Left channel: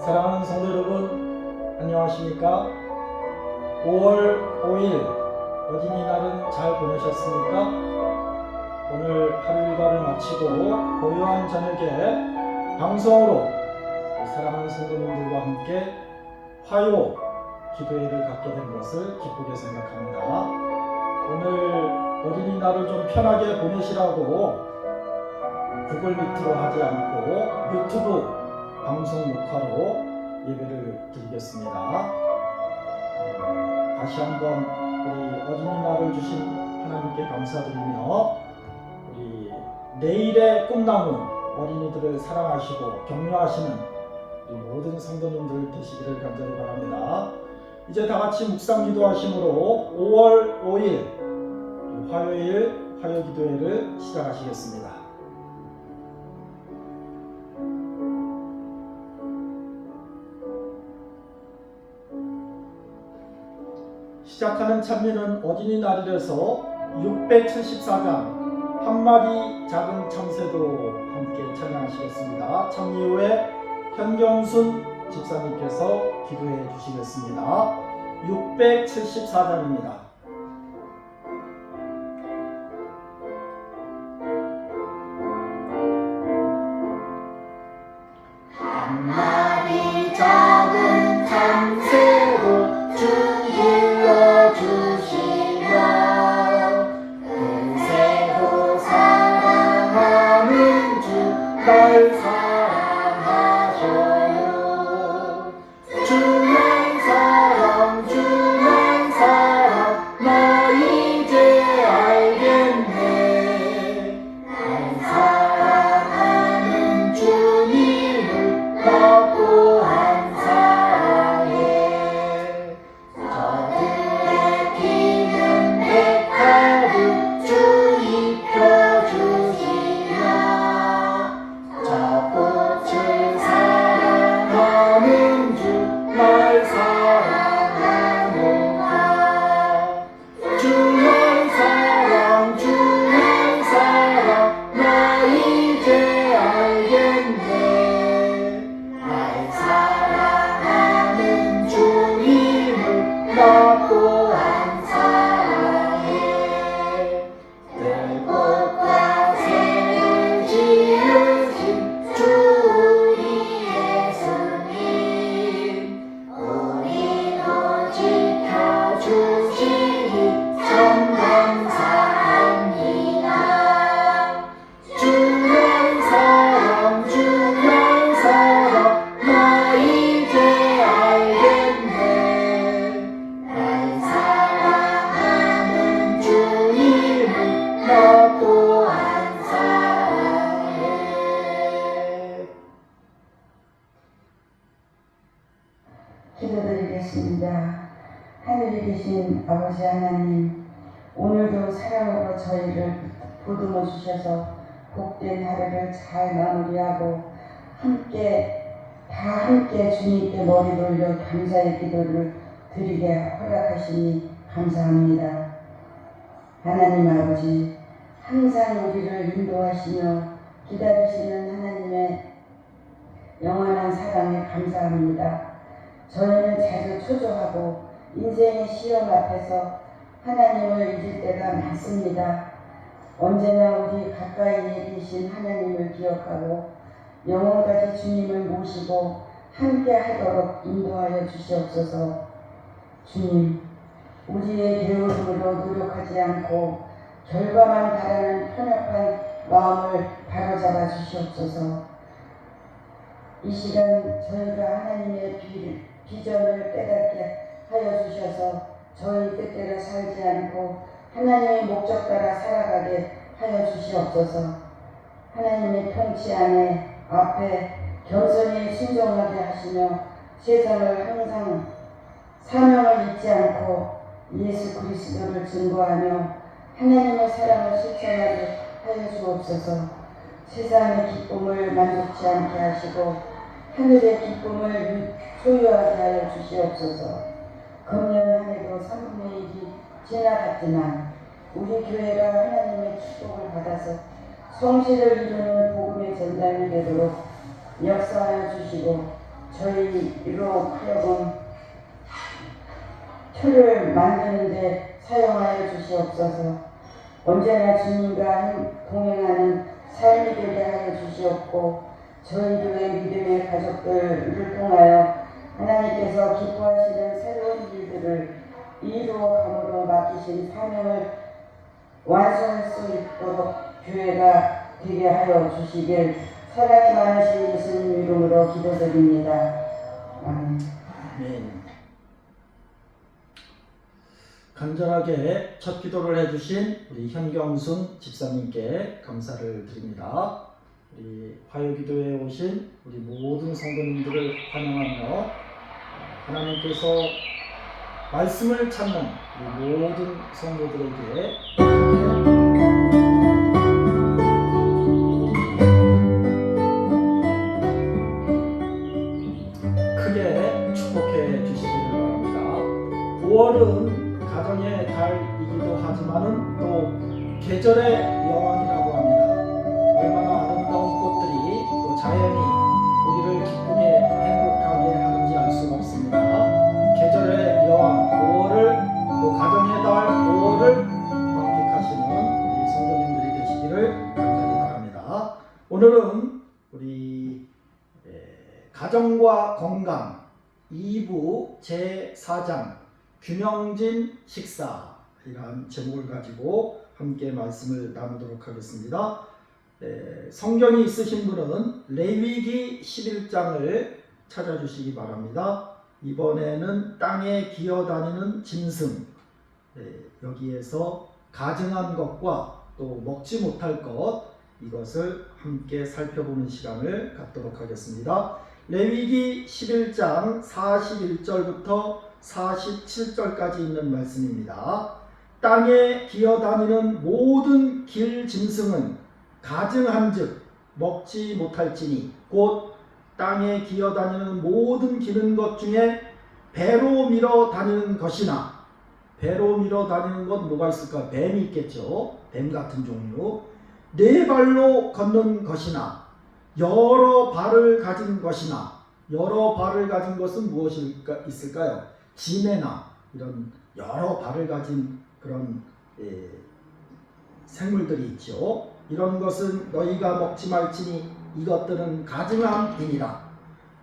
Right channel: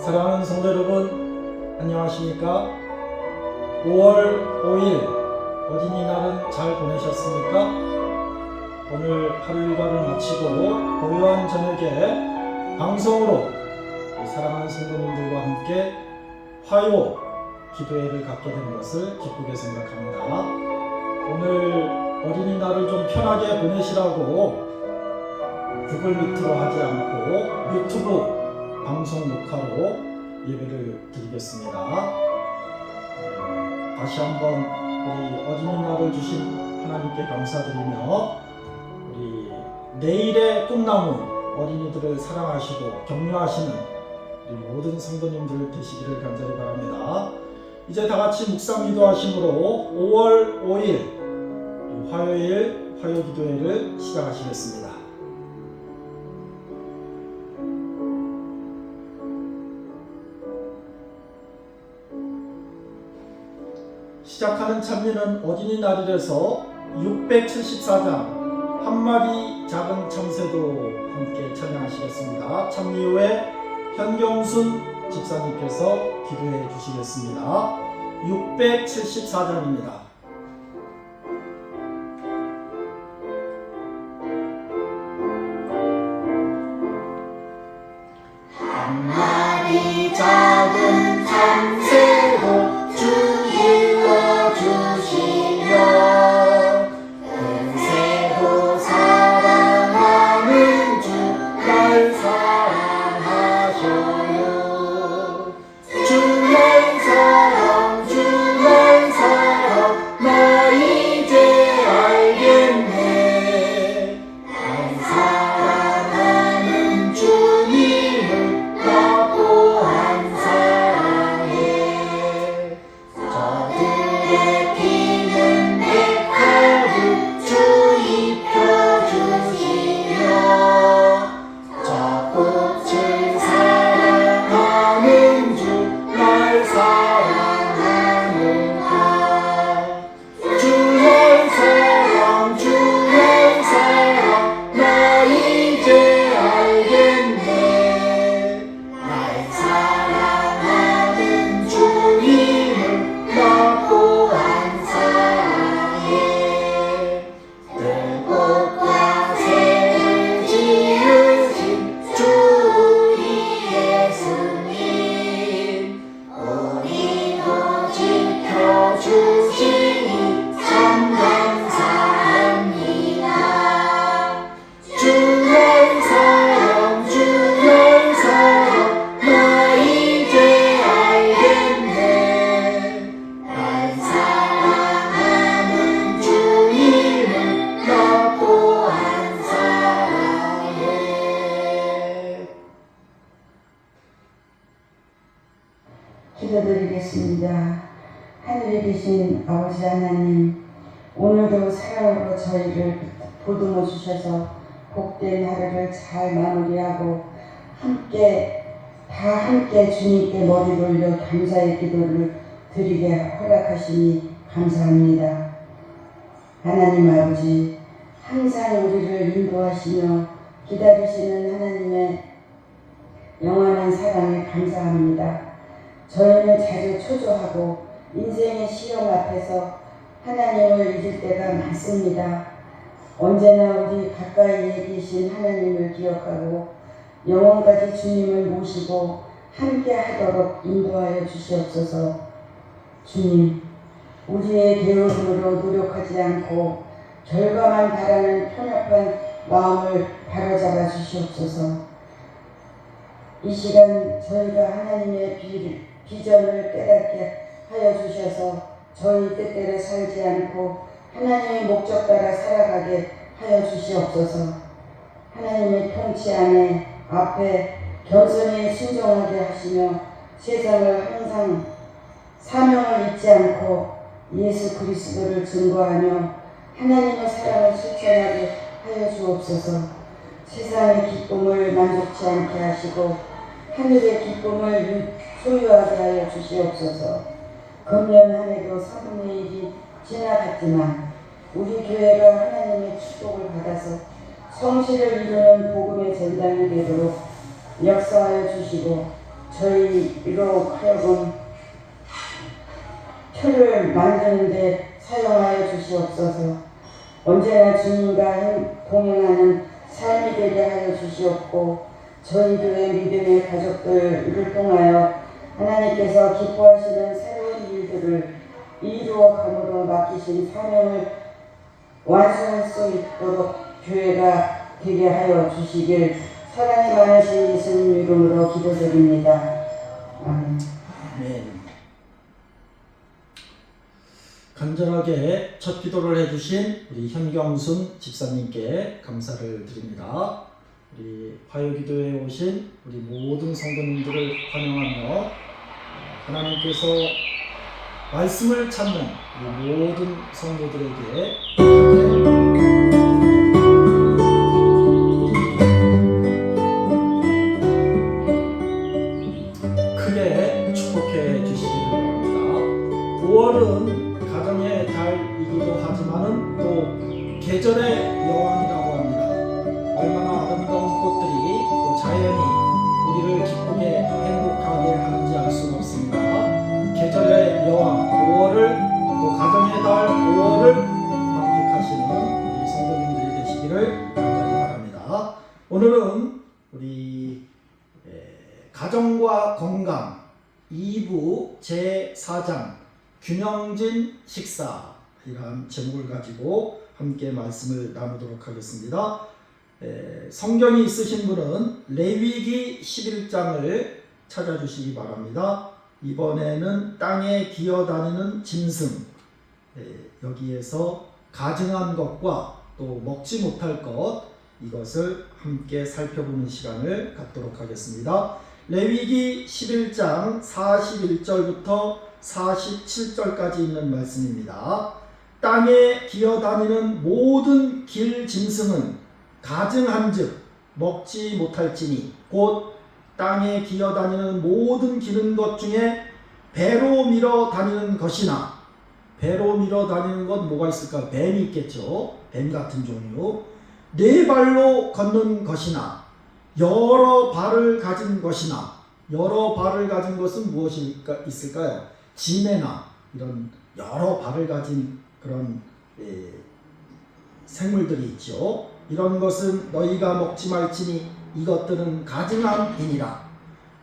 사랑하는 성도 여러분, 안녕하십니까? 5월 5일 어린이날은 잘 보내셨습니까? 오늘 하루 일과를 마치고 고요한 저녁에 방송으로 사랑하는 성도님들과 함께 화요 기도회를 갖게 된 것을 기쁘게 생각합니다. 오늘 어린이날을 좀 편하게 보내시라고 구글 미트로 하지 않고 유튜브 방송 녹화로 예배를 드리겠습니다. 다시 한번 우리 어린이날을 주신 하나님께 감사드리며 우리 내일의 꿈나무 어린이들을 사랑하시고 격려하시는 우리 모든 성도님들 되시기를 간절히 바랍니다. 이제 다같이 묵상 기도하심으로 5월 5일 화요일 화요 기도회를 시작하시겠습니다. 시작하는 찬미는 어린이날이라서 674장 한마디 작은 참새도 함께 찬양하시겠습니다. 찬미 후에 현경순 집사님께서 기도해 주시겠습니다. 674장입니다. 한마디 작은 참새도 주 길러주시며 금세도 사랑하는 주 날 사랑하셔요. 주 날 사랑 주 날 사랑 나 이제 알겠네. 날 사랑하는 주님을 나 또한 사랑해. 저들의 피는 백합을 주 입혀주시며 저 꽃을 사랑하는 주 날 사랑하는가. 주 날 사랑 주 날 사랑 나 이제 알겠네. 날 사랑하는 주님을 나 또한 사랑해. 들꽃과 새를 지으신 주 우리 예수님 우리도 지켜주시니 참 감사합니다. 주 날 사랑 주 날 사랑 나 이제 알겠네. 날 사랑하는 주님을 나 또한 사랑해. 기도드리겠습니다. 하늘에 계신 아버지 하나님, 오늘도 사랑으로 저희를 보듬어 주셔서 복된 하루를 잘 마무리하고 다 함께 주님께 머리 돌려 감사의 기도를 드리게 허락하시니 감사합니다. 하나님 아버지, 항상 우리를 인도하시며 기다리시는 하나님의 영원한 사랑에 감사합니다. 저희는 자주 초조하고 인생의 시험 앞에서 하나님을 잊을 때가 많습니다. 언제나 우리 가까이에 계신 하나님을 기억하고 영원까지 주님을 모시고 함께 하도록 인도하여 주시옵소서. 주님, 우리의 배움으로 노력하지 않고 결과만 바라는 편협한 마음을 바로잡아 주시옵소서. 이 시간 저희가 하나님의 비전을 깨닫게 하여 주셔서 저희 뜻대로 살지 않고 하나님의 목적 따라 살아가게 하여 주시옵소서. 하나님의 통치 안에 앞에 겸손히 순종하게 하시며 세상을 항상 사명을 잊지 않고 예수 그리스도를 증거하며 하나님의 사랑을 실천하게 하여 주옵소서. 세상의 기쁨을 만족치 않게 하시고 하늘의 기쁨을 소유하게 하여 주시옵소서. 금년 한 해도 3분의 1이 지나갔지만 우리 교회가 하나님의 축복을 받아서 성실을 이루는 복음의 전당이 되도록 역사하여 주시고 저희로 하여금 표를 만드는데 사용하여 주시옵소서. 언제나 주님과 동행하는 삶이 되게 하여 주시옵고 저희 교회 믿음의 가족들을 통하여 하나님께서 기뻐하시는 새로운 일들을 이루어감으로 맡기신 사명을 완수할 수 있도록 교회가 되게 하여 주시길 사랑이 많으신 예수님 이름으로 기도드립니다. 아멘. 간절하게 첫 기도를 해주신 우리 현경순 집사님께 감사를 드립니다. 우리 화요기도에 오신 우리 모든 성도님들을 환영하며 하나님께서 말씀을 찾는 우리 모든 성도들에게 크게 축복해 주시기를 바랍니다. 5월은 가정의 달이기도 하지만은 또 계절의 여왕이라고 합니다. 얼마나 아름다운 꽃들이 또 자연이 우리를 기쁘게 행복하게 하는지 알 수는 없습니다. 계절의 여왕 5월을 또 가정의 달 5월을 만끽하시는 우리 성도님들이 되시기를 간절히 바랍니다. 오늘은 우리 가정과 건강 2부 제4장 균형진 식사이라는 제목을 가지고 함께 말씀을 나누도록 하겠습니다. 성경이 있으신 분은 레위기 11장을 찾아주시기 바랍니다. 이번에는 땅에 기어다니는 짐승, 여기에서 가증한 것과 또 먹지 못할 것, 이것을 함께 살펴보는 시간을 갖도록 하겠습니다. 레위기 11장 41절부터 47절까지 있는 말씀입니다. 땅에 기어다니는 모든 길 짐승은 가증한즉 먹지 못할지니 곧 땅에 기어다니는 모든 기는 것 중에 배로 밀어 다니는 것이나, 배로 밀어 다니는 것 뭐가 있을까? 뱀이 있겠죠. 뱀 같은 종류. 네 발로 걷는 것이나 여러 발을 가진 것이나, 여러 발을 가진 것은 무엇이 있을까요? 지네나 이런 여러 발을 가진 그런 생물들이 있죠. 이런 것은 너희가 먹지 말지니 이것들은 가증함이니라.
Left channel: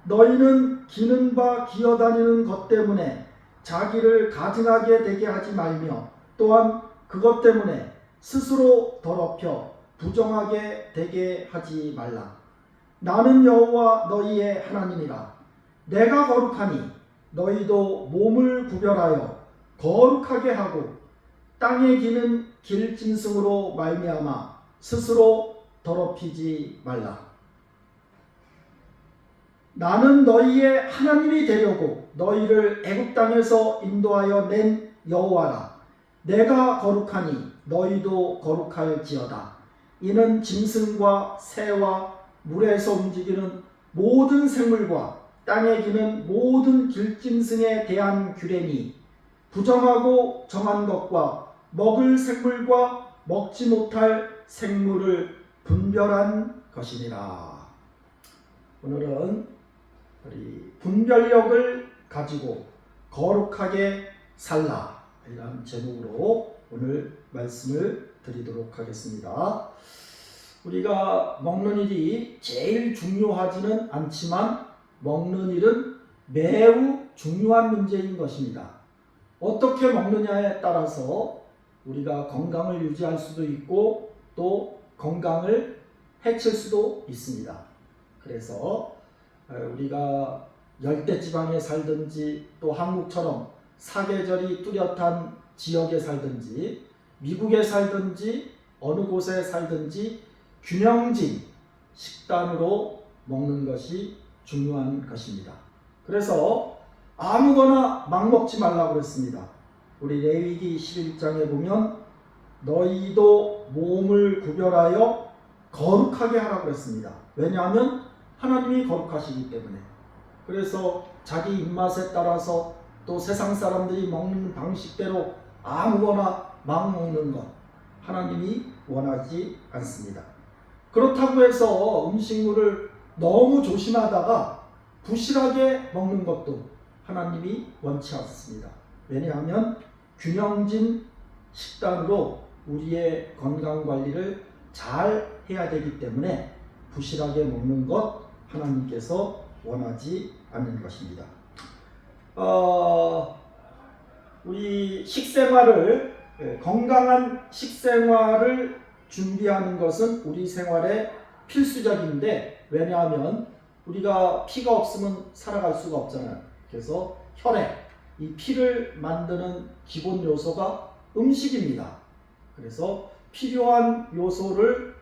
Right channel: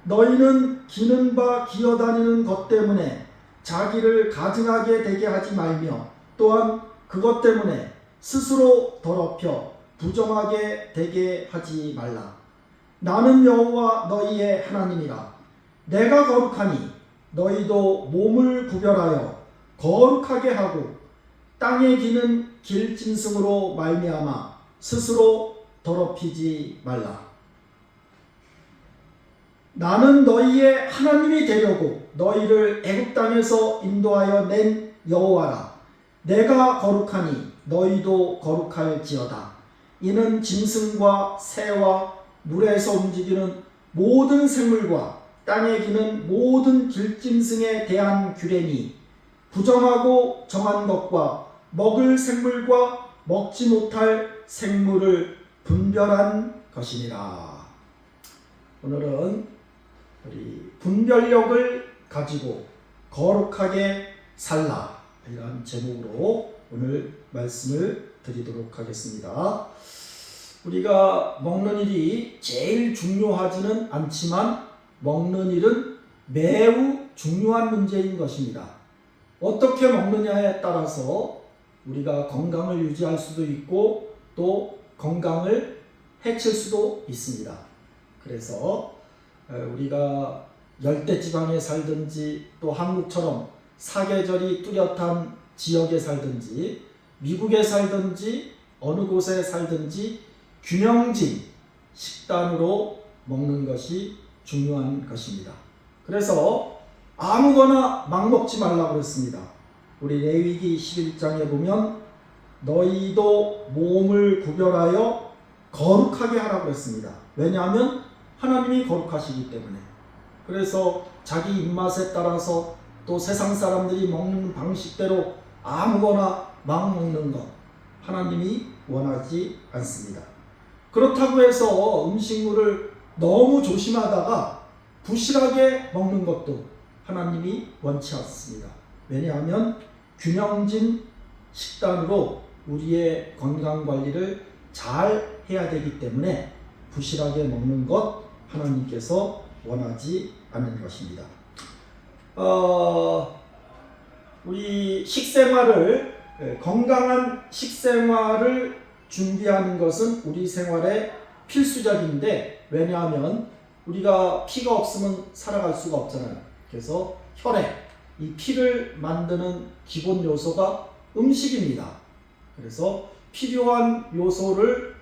너희는 기는 바 기어다니는 것 때문에 자기를 가증하게 되게 하지 말며 또한 그것 때문에 스스로 더럽혀 부정하게 되게 하지 말라. 나는 여호와 너희의 하나님이라. 내가 거룩하니 너희도 몸을 구별하여 거룩하게 하고 땅에 기는 길짐승으로 말미암아 스스로 더럽히지 말라. 나는 너희의 하나님이 되려고 너희를 애굽 땅에서 인도하여 낸 여호와라. 내가 거룩하니 너희도 거룩할지어다. 이는 짐승과 새와 물에서 움직이는 모든 생물과 땅에 기는 모든 길짐승에 대한 규례니 부정하고 정한 것과 먹을 생물과 먹지 못할 생물을 분별한 것이니라. 오늘은 우리 분별력을 가지고 거룩하게 살라, 이런 제목으로 오늘 말씀을 드리도록 하겠습니다. 우리가 먹는 일이 제일 중요하지는 않지만 먹는 일은 매우 중요한 문제인 것입니다. 어떻게 먹느냐에 따라서 우리가 건강을 유지할 수도 있고 또 건강을 해칠 수도 있습니다. 그래서 우리가 열대지방에 살든지 또 한국처럼 사계절이 뚜렷한 지역에 살든지 미국에 살든지 어느 곳에 살든지 균형진 식단으로 먹는 것이 중요한 것입니다. 그래서 아무거나 막 먹지 말라고 그랬습니다. 우리 레위기 11장에 보면 너희도 몸을 구별하여 거룩하게 하라고 그랬습니다. 왜냐하면 하나님이 거룩하시기 때문에. 그래서 자기 입맛에 따라서 또 세상 사람들이 먹는 방식대로 아무거나 막 먹는 것, 하나님이 원하지 않습니다. 그렇다고 해서 음식물을 너무 조심하다가 부실하게 먹는 것도 하나님이 원치 않습니다. 왜냐하면 균형진 식단으로 우리의 건강 관리를 잘 해야 되기 때문에 부실하게 먹는 것 하나님께서 원하지 않는 것입니다. 우리 식생활을 건강한 식생활을 준비하는 것은 우리 생활에 필수적인데, 왜냐하면 우리가 피가 없으면 살아갈 수가 없잖아요. 그래서 혈액, 이 피를 만드는 기본 요소가 음식입니다. 그래서 필요한 요소를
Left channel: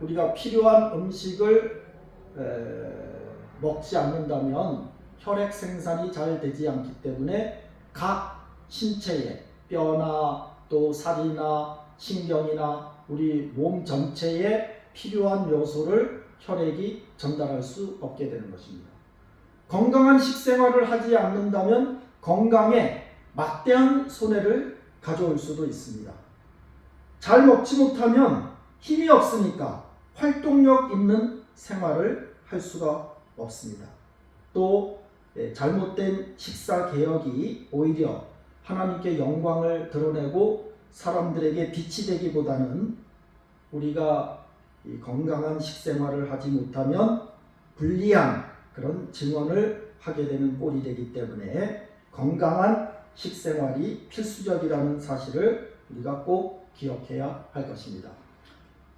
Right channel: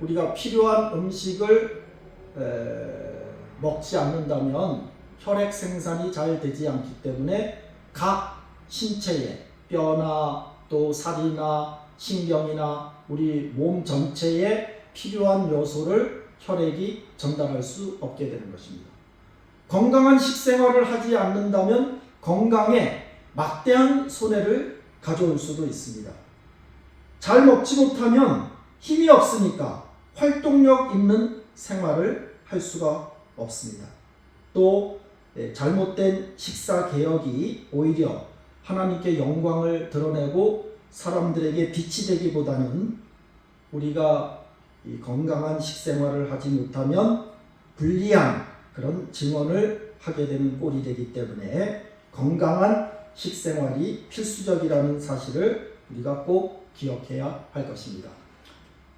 우리가 필요한 음식을 먹지 않는다면 혈액 생산이 잘 되지 않기 때문에 각 신체에 뼈나 또 살이나 신경이나 우리 몸 전체에 필요한 요소를 혈액이 전달할 수 없게 되는 것입니다. 건강한 식생활을 하지 않는다면 건강에 막대한 손해를 가져올 수도 있습니다. 잘 먹지 못하면 힘이 없으니까 활동력 있는 생활을 할 수가 없습니다. 또 잘못된 식사 개혁이 오히려 하나님께 영광을 드러내고 사람들에게 빛이 되기보다는 우리가 이 건강한 식생활을 하지 못하면 불리한 그런 증언을 하게 되는 꼴이 되기 때문에 건강한 식생활이 필수적이라는 사실을 우리가 꼭 기억해야 할 것입니다.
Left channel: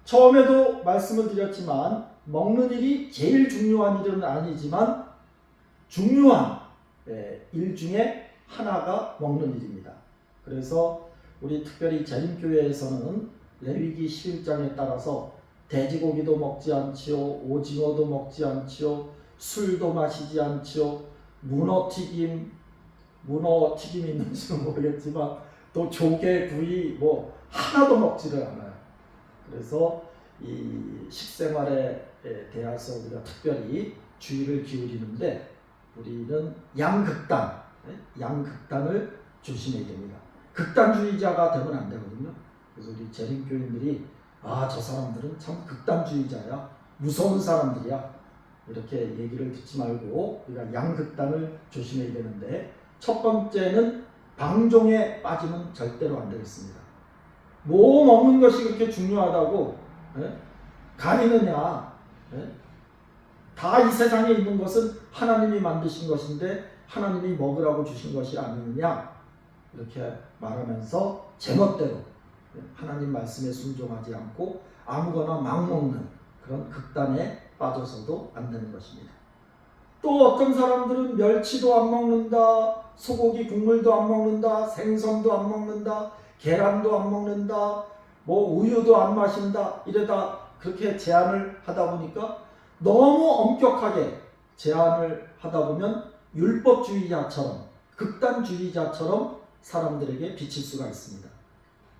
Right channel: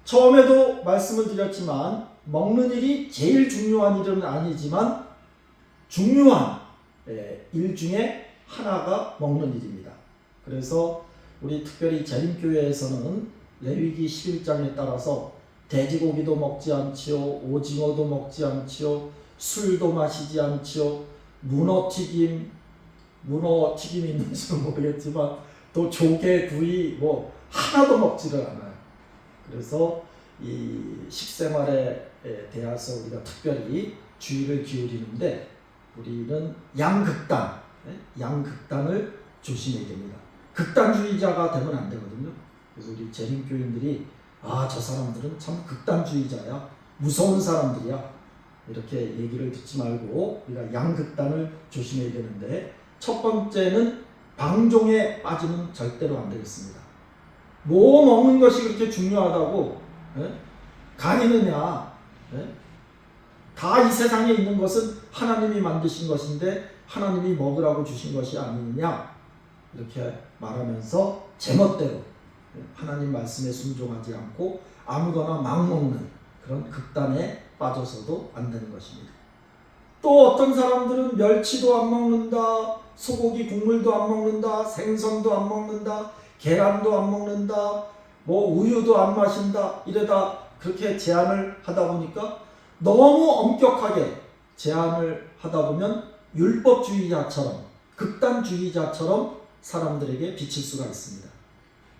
처음에도 말씀을 드렸지만 먹는 일이 제일 중요한 일은 아니지만 중요한 일 중에 하나가 먹는 일입니다. 그래서 우리 특별히 재림교회에서는 레위기 11장에 따라서 돼지고기도 먹지 않지요, 오징어도 먹지 않지요, 술도 마시지 않지요, 문어튀김이 있는지는 모르겠지만 또 조개, 구이 뭐 하나도 먹지를 않아요. 그래서 이 식생활에 대해서 우리가 특별히 주의를 기울이는데 우리는 양극단을 조심해야 됩니다. 극단주의자가 되면 안 되거든요. 그래서 우리 재림교인들이 저 사람들은 참 극단주의자야, 무서운 사람들이야, 이렇게 얘기를 듣지 말고 우리가 양극단을 조심해야 되는데, 첫 번째는 방종에 빠지면 절대로 안 되겠습니다. 뭐 먹는 것이 그렇게 중요하다고 가리느냐? 다 이 세상에 있는 것은 하나님이 만드신 것인데 하나님이 먹으라고 주신 것이 아니느냐? 이렇게 말하면서 제멋대로 하나님 말씀에 순종하지 않고 아무거나 막 먹는 그런 극단에 빠져서도 안 되는 것입니다. 또 어떤 사람들은 멸치도 안 먹는다, 소고기 국물도 안 먹는다, 생선도 안 먹는다, 계란도 안 먹는다, 뭐 우유도 안 마신다, 이러다 그렇게 제한을 하다 보니까 너무 엄격하게 제한을 하다 보면 율법주의자처럼, 극단주의자처럼 사람들에게 비칠 수가 있습니다.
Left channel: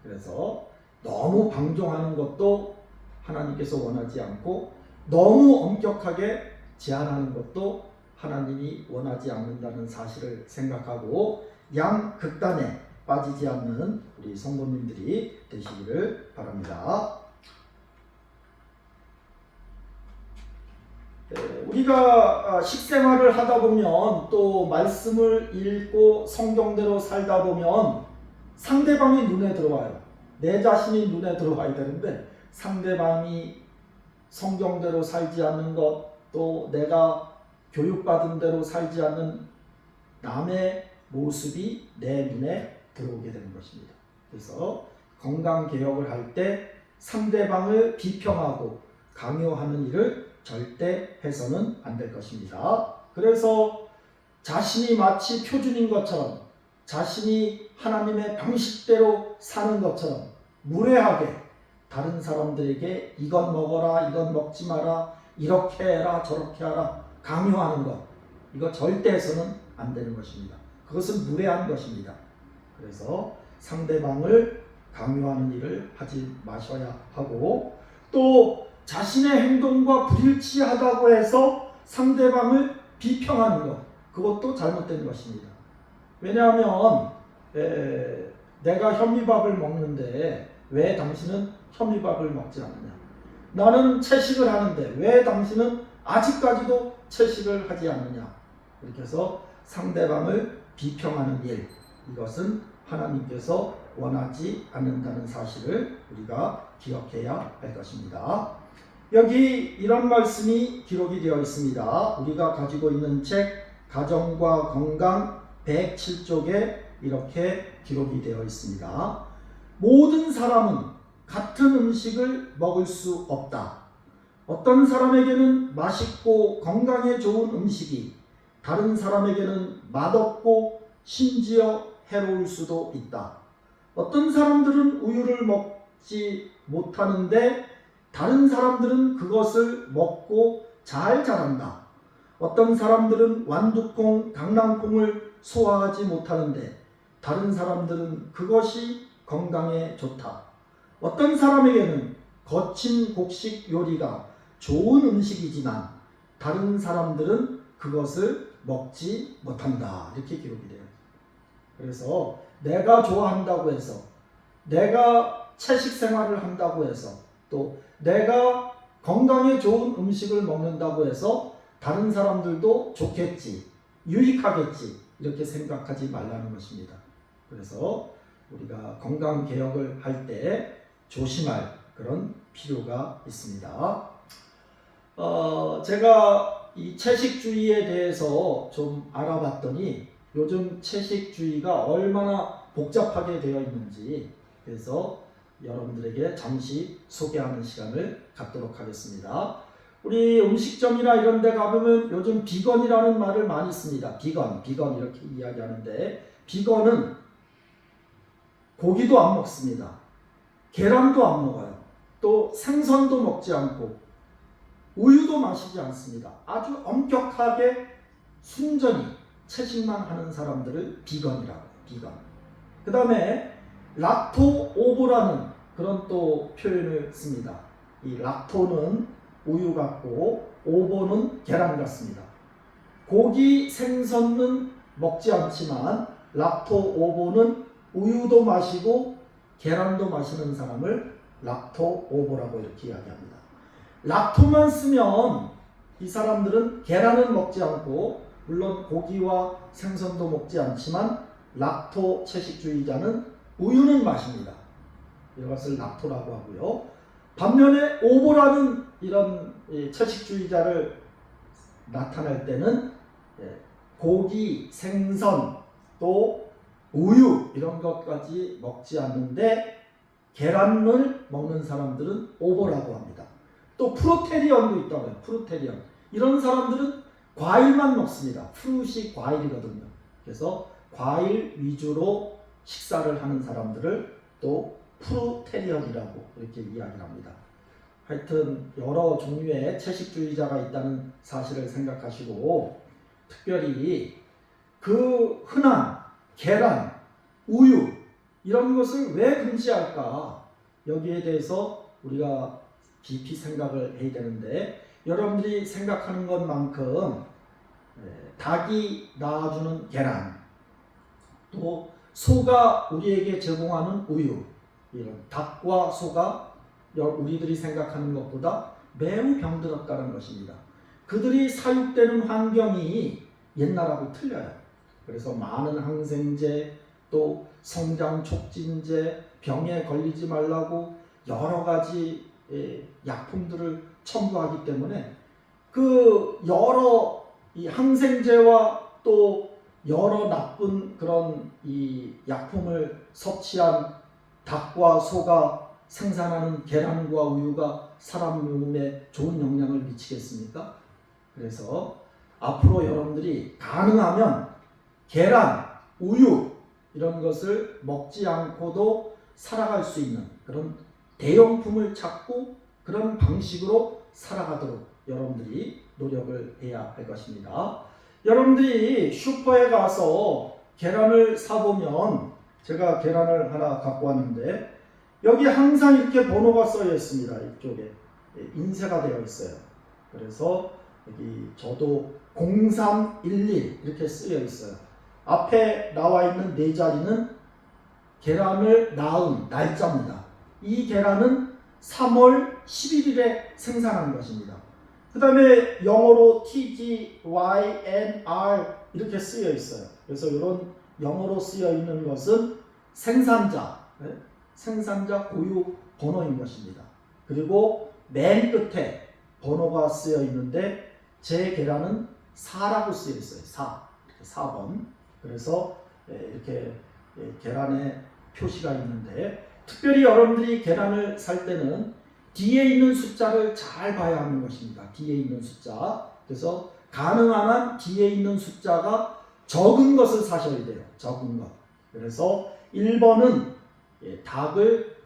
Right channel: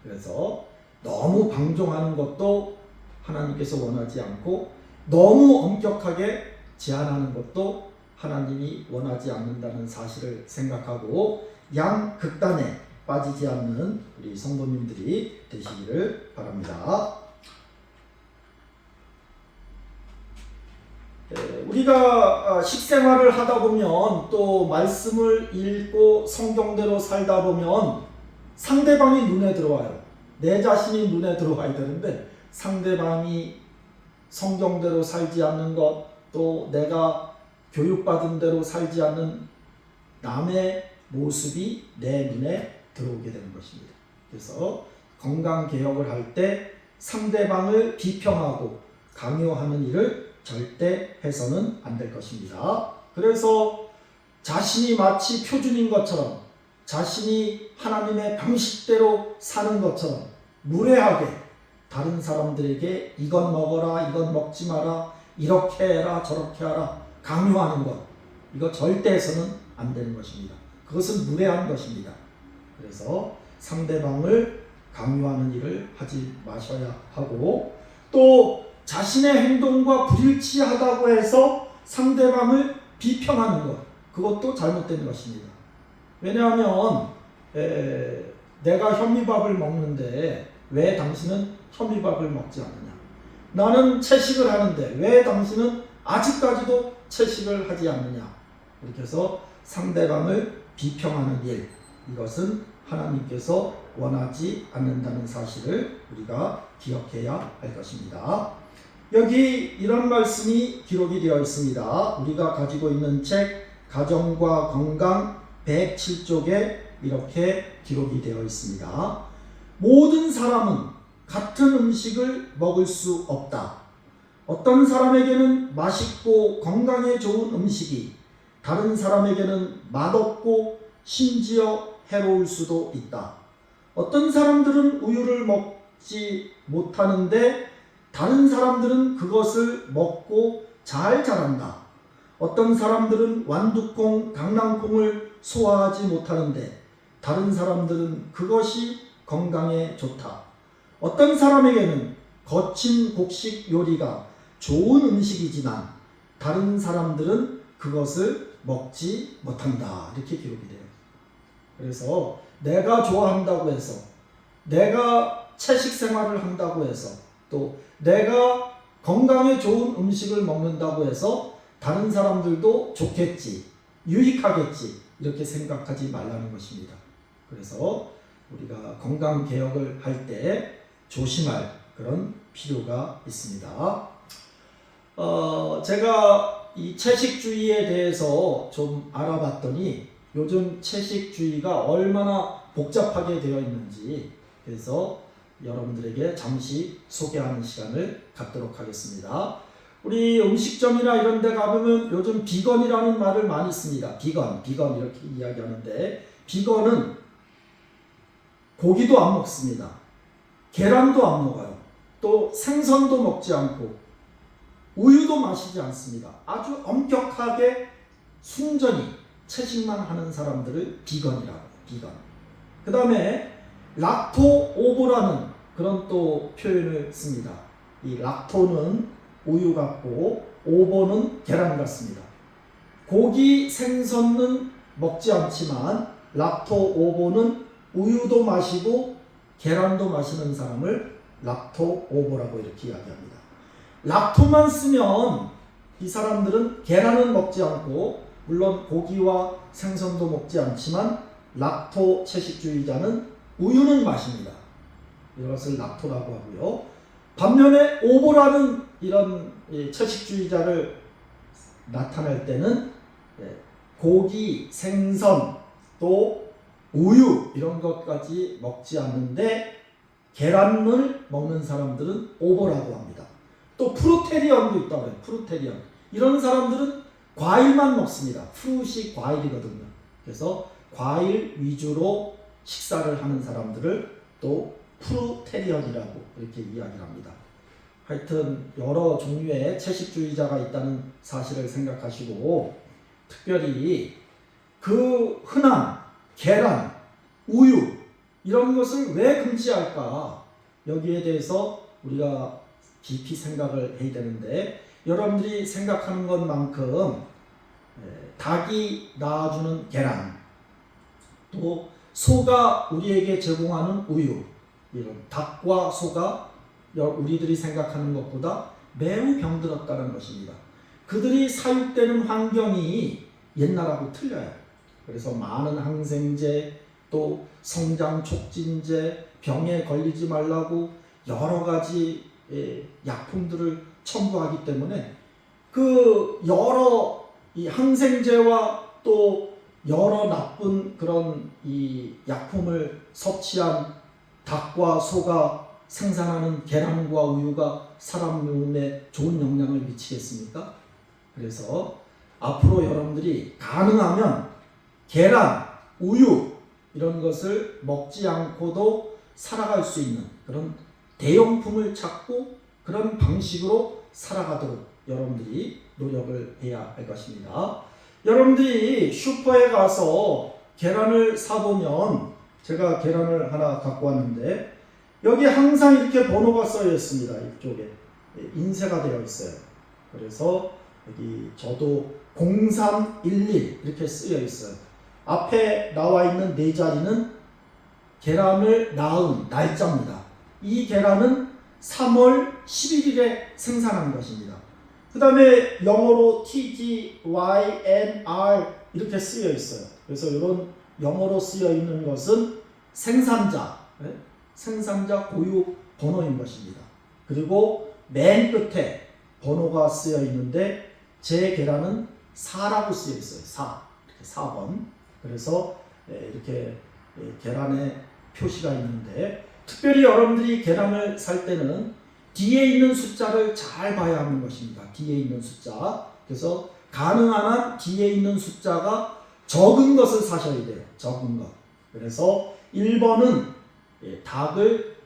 그래서 너무 방종하는 것도 하나님께서 원하지 않고 너무 엄격하게 제한하는 것도 하나님이 원하지 않는다는 사실을 생각하고 양극단에 빠지지 않는 우리 성도님들이 되시기를 바랍니다. 우리가 식생활을 하다 보면 또 말씀을 읽고 성경대로 살다 보면 상대방이 눈에 들어와요. 내 자신이 눈에 들어와야 되는데 상대방이 성경대로 살지 않는 것, 또 내가 교육받은 대로 살지 않는 남의 모습이 내 눈에 들어오게 되는 것입니다. 그래서 건강개혁을 할 때 상대방을 비평하고 강요하는 일을 절대 해서는 안 될 것입니다. 그래서 자신이 마치 표준인 것처럼, 자신이 하나님의 방식대로 사는 것처럼 무례하게 다른 사람들에게 이건 먹어라, 이건 먹지 마라, 이렇게 해라, 저렇게 하라 강요하는 것, 이거 절대 해서는 안 되는 것입니다. 그것은 무례한 것입니다. 그래서 상대방을 강요하는 일을 하지 마셔야 하고, 또 자신의 행동과 불일치하다고 해서 상대방을 비평하는 것, 그것도 잘못된 것입니다. 왜냐하면 내가 현미밥을 먹는데 왜 당신은 현미밥을 먹지 않느냐? 나는 채식을 하는데 왜 당신은 아직까지도 채식을 하지 않느냐. 이렇게 해서 상대방을 비평하는 일, 이것은 하나님께서 원하지 않는다는 사실을 우리가 기억해야 할 것입니다. 여기 이런 말씀이 기록이 되어 있습니다. 우리가 가지고 있는 책 가정과 건강 107쪽에 이렇게 기록이 되어 있습니다. 모든 사람은 같은 음식을 먹을 수 없다. 어떤 사람에게는 맛있고 건강에 좋은 음식이 다른 사람에게는 맛없고 심지어 해로울 수도 있다. 어떤 사람들은 우유를 먹지 못하는데 다른 사람들은 그것을 먹고 잘 자란다. 어떤 사람들은 완두콩, 강낭콩을 소화하지 못하는데 다른 사람들은 그것이 건강에 좋다. 어떤 사람에게는 거친 곡식 요리가 좋은 음식이지만 다른 사람들은 그것을 먹지 못한다. 이렇게 기록이 돼요. 그래서 내가 좋아한다고 해서, 내가 채식 생활을 한다고 해서, 또 내가 건강에 좋은 음식을 먹는다고 해서 다른 사람들도 좋겠지, 유익하겠지, 이렇게 생각하지 말라는 것입니다. 그래서 우리가 건강 개혁을 할 때 조심할 그런 필요가 있습니다. 제가 이 채식주의에 대해서 좀 알아봤더니 요즘 채식주의가 얼마나 복잡하게 되어 있는지, 그래서 여러분들에게 잠시 소개하는 시간을 갖도록 하겠습니다. 우리 음식점이나 이런 데 가보면 요즘 비건이라는 말을 많이 씁니다. 비건 이렇게 이야기하는데, 비건은 고기도 안 먹습니다. 계란도 안 먹어요. 또 생선도 먹지 않고 우유도 마시지 않습니다. 아주 엄격하게 순전히 채식만 하는 사람들을 비건이라고 해요. 비건. 그 다음에 락토 오보라는 그런 또 표현을 씁니다. 이 락토는 우유 같고 오보는 계란 같습니다. 고기, 생선은 먹지 않지만 락토 오보는 우유도 마시고 계란도 마시는 사람을 락토 오보라고 이렇게 이야기합니다. 락토만 쓰면 이 사람들은 계란은 먹지 않고 물론 고기와 생선도 먹지 않지만 락토 채식주의자는 우유는 마십니다. 이것을 락토라고 하고요. 반면에 오보라는 이런 채식주의자를 나타낼 때는 고기, 생선, 또 우유 이런 것까지 먹지 않는데 계란을 먹는 사람들은 오보라고 합니다. 또 프루테리언도 있다고 해요. 프루테리언. 이런 사람들은 과일만 먹습니다. 프루시 과일이거든요. 그래서 과일 위주로 식사를 하는 사람들을 또 프루테리언이라고 이렇게 이야기를 합니다. 하여튼 여러 종류의 채식주의자가 있다는 사실을 생각하시고, 특별히 그 흔한 계란, 우유 이런 것을 왜 금지할까? 여기에 대해서 우리가 깊이 생각을 해야 되는데, 여러분들이 생각하는 것만큼 닭이 낳아주는 계란, 또 소가 우리에게 제공하는 우유, 이런 닭과 소가 우리들이 생각하는 것보다 매우 병들었다는 것입니다. 그들이 사육되는 환경이 옛날하고 틀려요. 그래서 많은 항생제, 또 성장 촉진제, 병에 걸리지 말라고 여러 가지 약품들을 첨부하기 때문에 그 여러 이 항생제와 또 여러 나쁜 그런 이 약품을 섭취한 닭과 소가 생산하는 계란과 우유가 사람 몸에 좋은 영향을 미치겠습니까? 그래서 앞으로 여러분들이 가능하면 계란, 우유 이런 것을 먹지 않고도 살아갈 수 있는 그런 대용품을 찾고 그런 방식으로 살아가도록 여러분들이 노력을 해야 할 것입니다. 여러분들이 슈퍼에 가서 계란을 사보면, 제가 계란을 하나 갖고 왔는데 여기 항상 이렇게 번호가 써져 있습니다. 이쪽에 인쇄가 되어 있어요. 그래서 여기 저도 0311 이렇게 쓰여 있어요. 앞에 나와 있는 네 자리는 계란을 낳은 날짜입니다. 이 계란은 3월 11일에 생산한 것입니다. 그 다음에 영어로 TGYNR 이렇게 쓰여 있어요. 그래서 이런 영어로 쓰여 있는 것은 생산자, 생산자 고유 번호인 것입니다. 그리고 맨 끝에 번호가 쓰여 있는데 제 계란은 4라고 쓰여 있어요. 4. 이렇게 4번. 그래서 이렇게 계란에 표시가 있는데, 특별히 여러분들이 계란을 살 때는 뒤에 있는 숫자를 잘 봐야 하는 것입니다. 뒤에 있는 숫자. 그래서 가능한 한 뒤에 있는 숫자가 적은 것을 사셔야 돼요. 적은 것. 그래서 1번은 닭을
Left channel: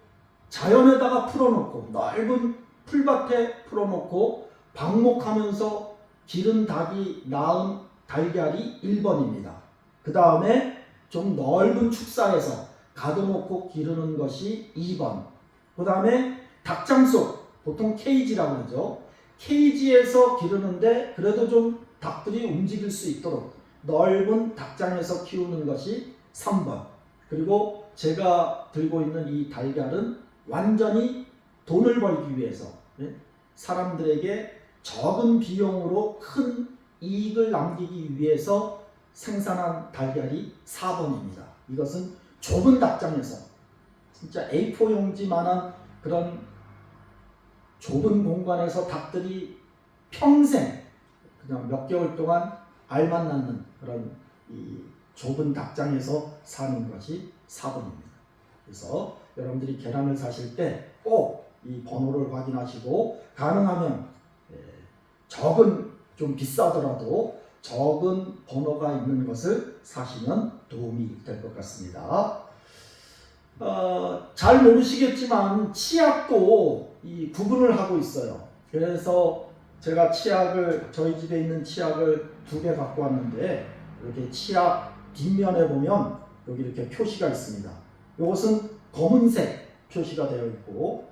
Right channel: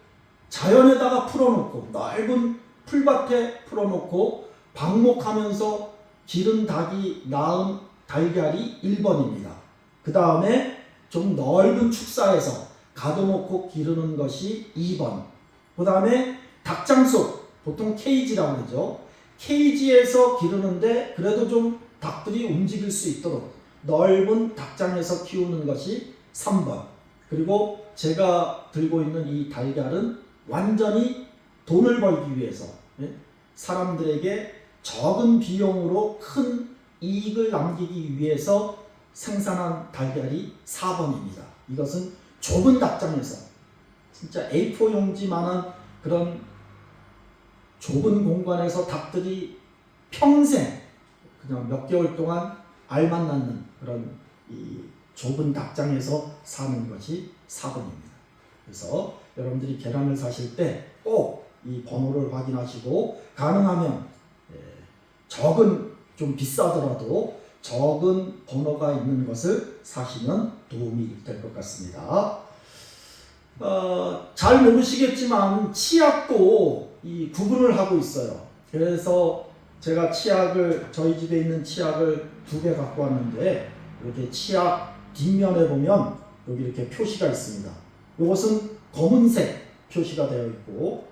자연에다가 풀어놓고 넓은 풀밭에 풀어놓고 방목하면서 기른 닭이 낳은 달걀이 1번입니다. 그 다음에 좀 넓은 축사에서 가둬놓고 기르는 것이 2번. 그 다음에 닭장소, 보통 케이지라고 하죠. 케이지에서 기르는데 그래도 좀 닭들이 움직일 수 있도록 넓은 닭장에서 키우는 것이 3번. 그리고 제가 들고 있는 이 달걀은 완전히 돈을 벌기 위해서, 사람들에게 적은 비용으로 큰 이익을 남기기 위해서 생산한 달걀이 4번입니다. 이것은 좁은 닭장에서 진짜 A4 용지만한 그런 좁은 공간에서 닭들이 평생 그냥 몇 개월 동안 알만 낳는 그런 이 좁은 닭장에서 사는 것이 4번입니다. 그래서 여러분들이 계란을 사실 때 꼭 이 번호를 확인하시고, 가능하면 적은, 좀 비싸더라도 적은 번호가 있는 것을 사시면 도움이 될 것 같습니다. 잘 모르시겠지만 치약도 이 구분을 하고 있어요. 그래서 제가 치약을, 저희 집에 있는 치약을 2개 갖고 왔는데, 이렇게 치약 뒷면에 보면 여기 이렇게 표시가 있습니다. 이것은 검은색 표시가 되어 있고,